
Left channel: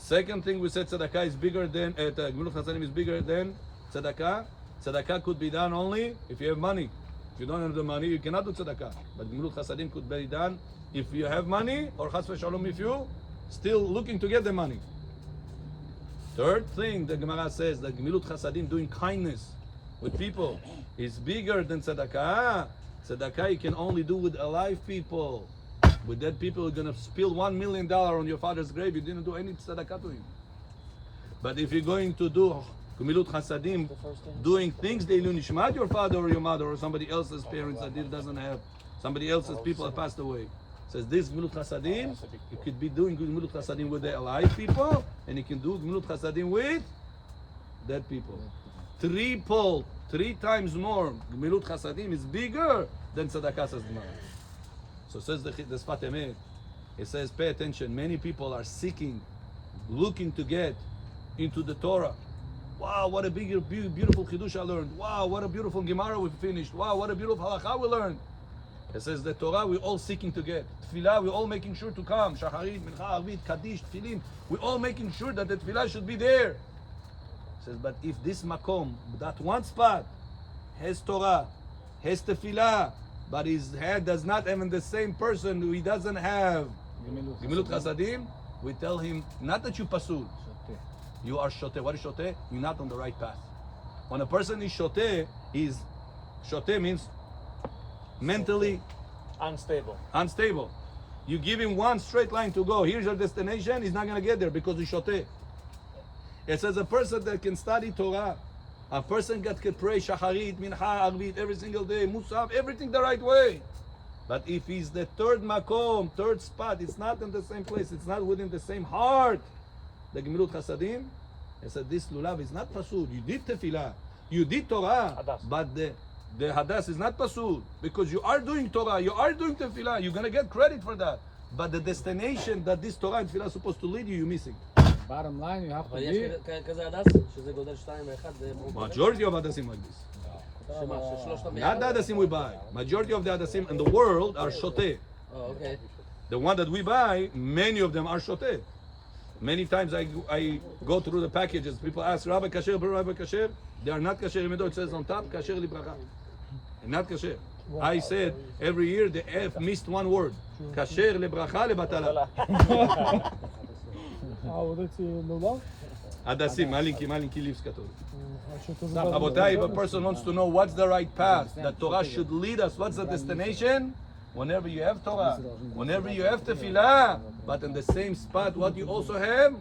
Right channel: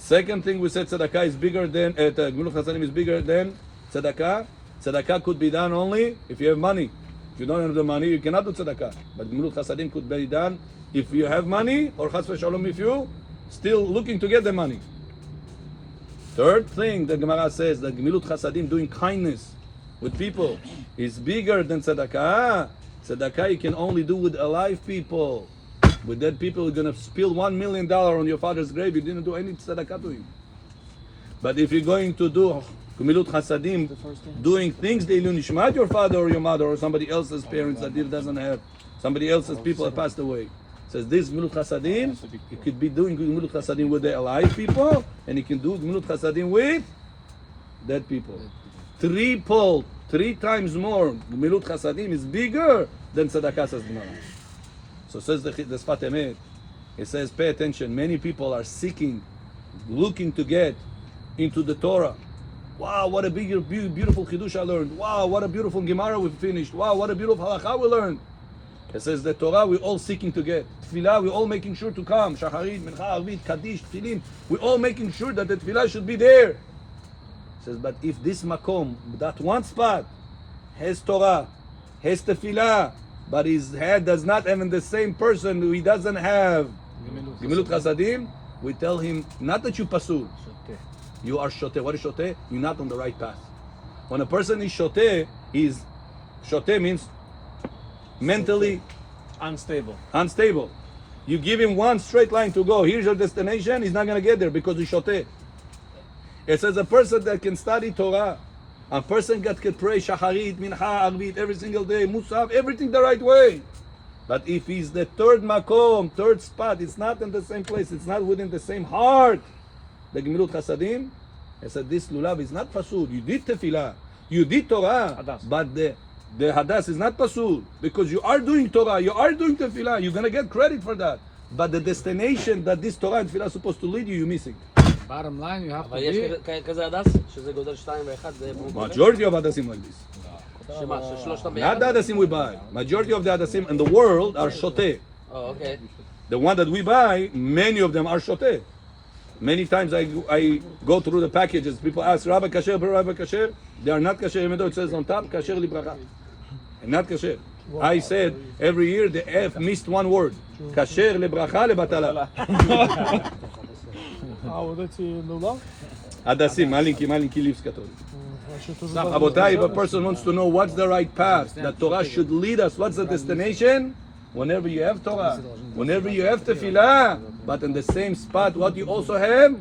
Second thing we said, tzedakah is bigger than, gemilut chasadim is bigger than tzedakah. Tzedakah could be done only if you have money. If you don't have the money, you cannot do tzedakah. But gemilut chasadim could be done if you have money, or chas v'shalom if you still looking to get the money. Third thing, the Gemara says that gemilut chasadim, doing kindness with people, is bigger than tzedakah. Tzedakah you can only do with alive people. With dead people, you're going to spill $1 million on your father's grave. You didn't do any tzedakah to him. But if you're going to do gemilut chasadim, doing things that you nishmat your father or your mother or somebody else's parents that it doesn't have, somebody else's people have passed away. Says this gemilut chasadim, you could be doing gemilut chasadim with the alive people, and you can do gemilut chasadim with dead people. Triple, 3 times more. Gemilut chasadim is bigger than tzedakah, says Gemara. So says the Sfat Emet. It says, pay attention. Many people are seeking, looking to get into the Torah. Wow, what a big, beautiful Chidush I learned. Wow, what a beautiful Gemara we finished. Wow, what a beautiful Halakha we learned. It says the Torah we're all seeking to get. Tefillah we're all making sure to come. Shacharit, Mincha, Arvit, Kaddish, Tefillin. We're all making sure that the Tefillah should be there. It says, but if this Makom, that one spot, has Torah, has Tefillah, but his head does not have in the same person who he doesn't have Gemilut Chasadim, we tell him, not that you pasul, you are shoteh. What is shoteh? You're not on the right path. When a person is shoteh means mentally unstable. You give him one straight line to go, here's your destination, he's not going to get there because he's shoteh. It says a person that can study Torah, a person that can pray Shacharit, Mincha, Arvit every single day, Musaf, everything the right way. But if he's the third makom, third spot, it's not in the same place, it's not within the same heart. The Gemilut Chasadim, I said this lulav is not pasul. You did tefillah, you did Torah, but the hadas is not pasul because you are doing Torah, you are doing tefillah, you're gonna get credit for that. But the destination that this Torah and tefillah is supposed to lead you, you're missing. bottom line, you have to אבל יש be... כזה הדס, שזה גודל 2 ו-1, זה... Majority of hadasim like this. שמה, ששלושתם Not ביחד? the hadasim we buy. Majority of the hadasim in the world are shoteh. Oh, okay. The one that we buy, many of them are shoteh. Many times I go through the packages. People ask, Rabbi kasher, Rabbi kasher. They are not kasher. Even though it says on top, kasher libracha. And not kasher. I said every year the F missed one word. Kasher libracha lebatala. Hadasim, malinki leaves katon. Abotai, if a person wants to know what's the right path, that Torah should lead us, what's the destination? Whenever you have Torah, whenever you have tefillah, but in the same spot, what you also have?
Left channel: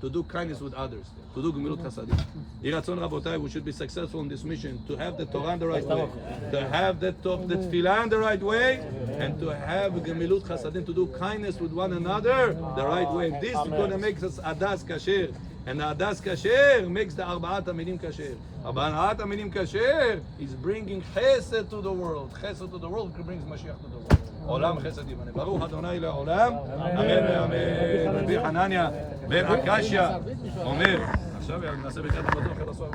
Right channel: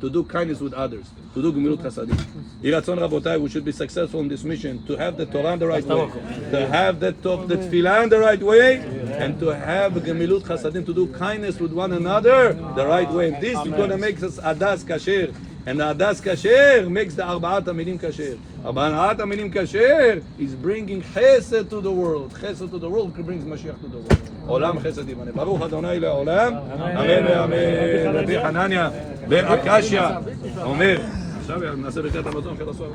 to do kindness with others, to do gemilut chasadim. Yiratzon Rabotai, we should be successful in this mission, to have the Torah in the right way, to have the tefillah in the right way, and to have gemilut chasadim, to do kindness with one another the right way. And this is going to make us adas kasher. And the adas kasher makes the arba'at haminim kasher. Arba'at haminim kasher is bringing chesed to the world. Chesed to the world brings Mashiach to the world. Olam chesed yimane. Baruch Adonai le'olam. Amen ve'amen. Rabbi Hanania ben Akashia אומר, עכשיו נעשה ברכת המזון,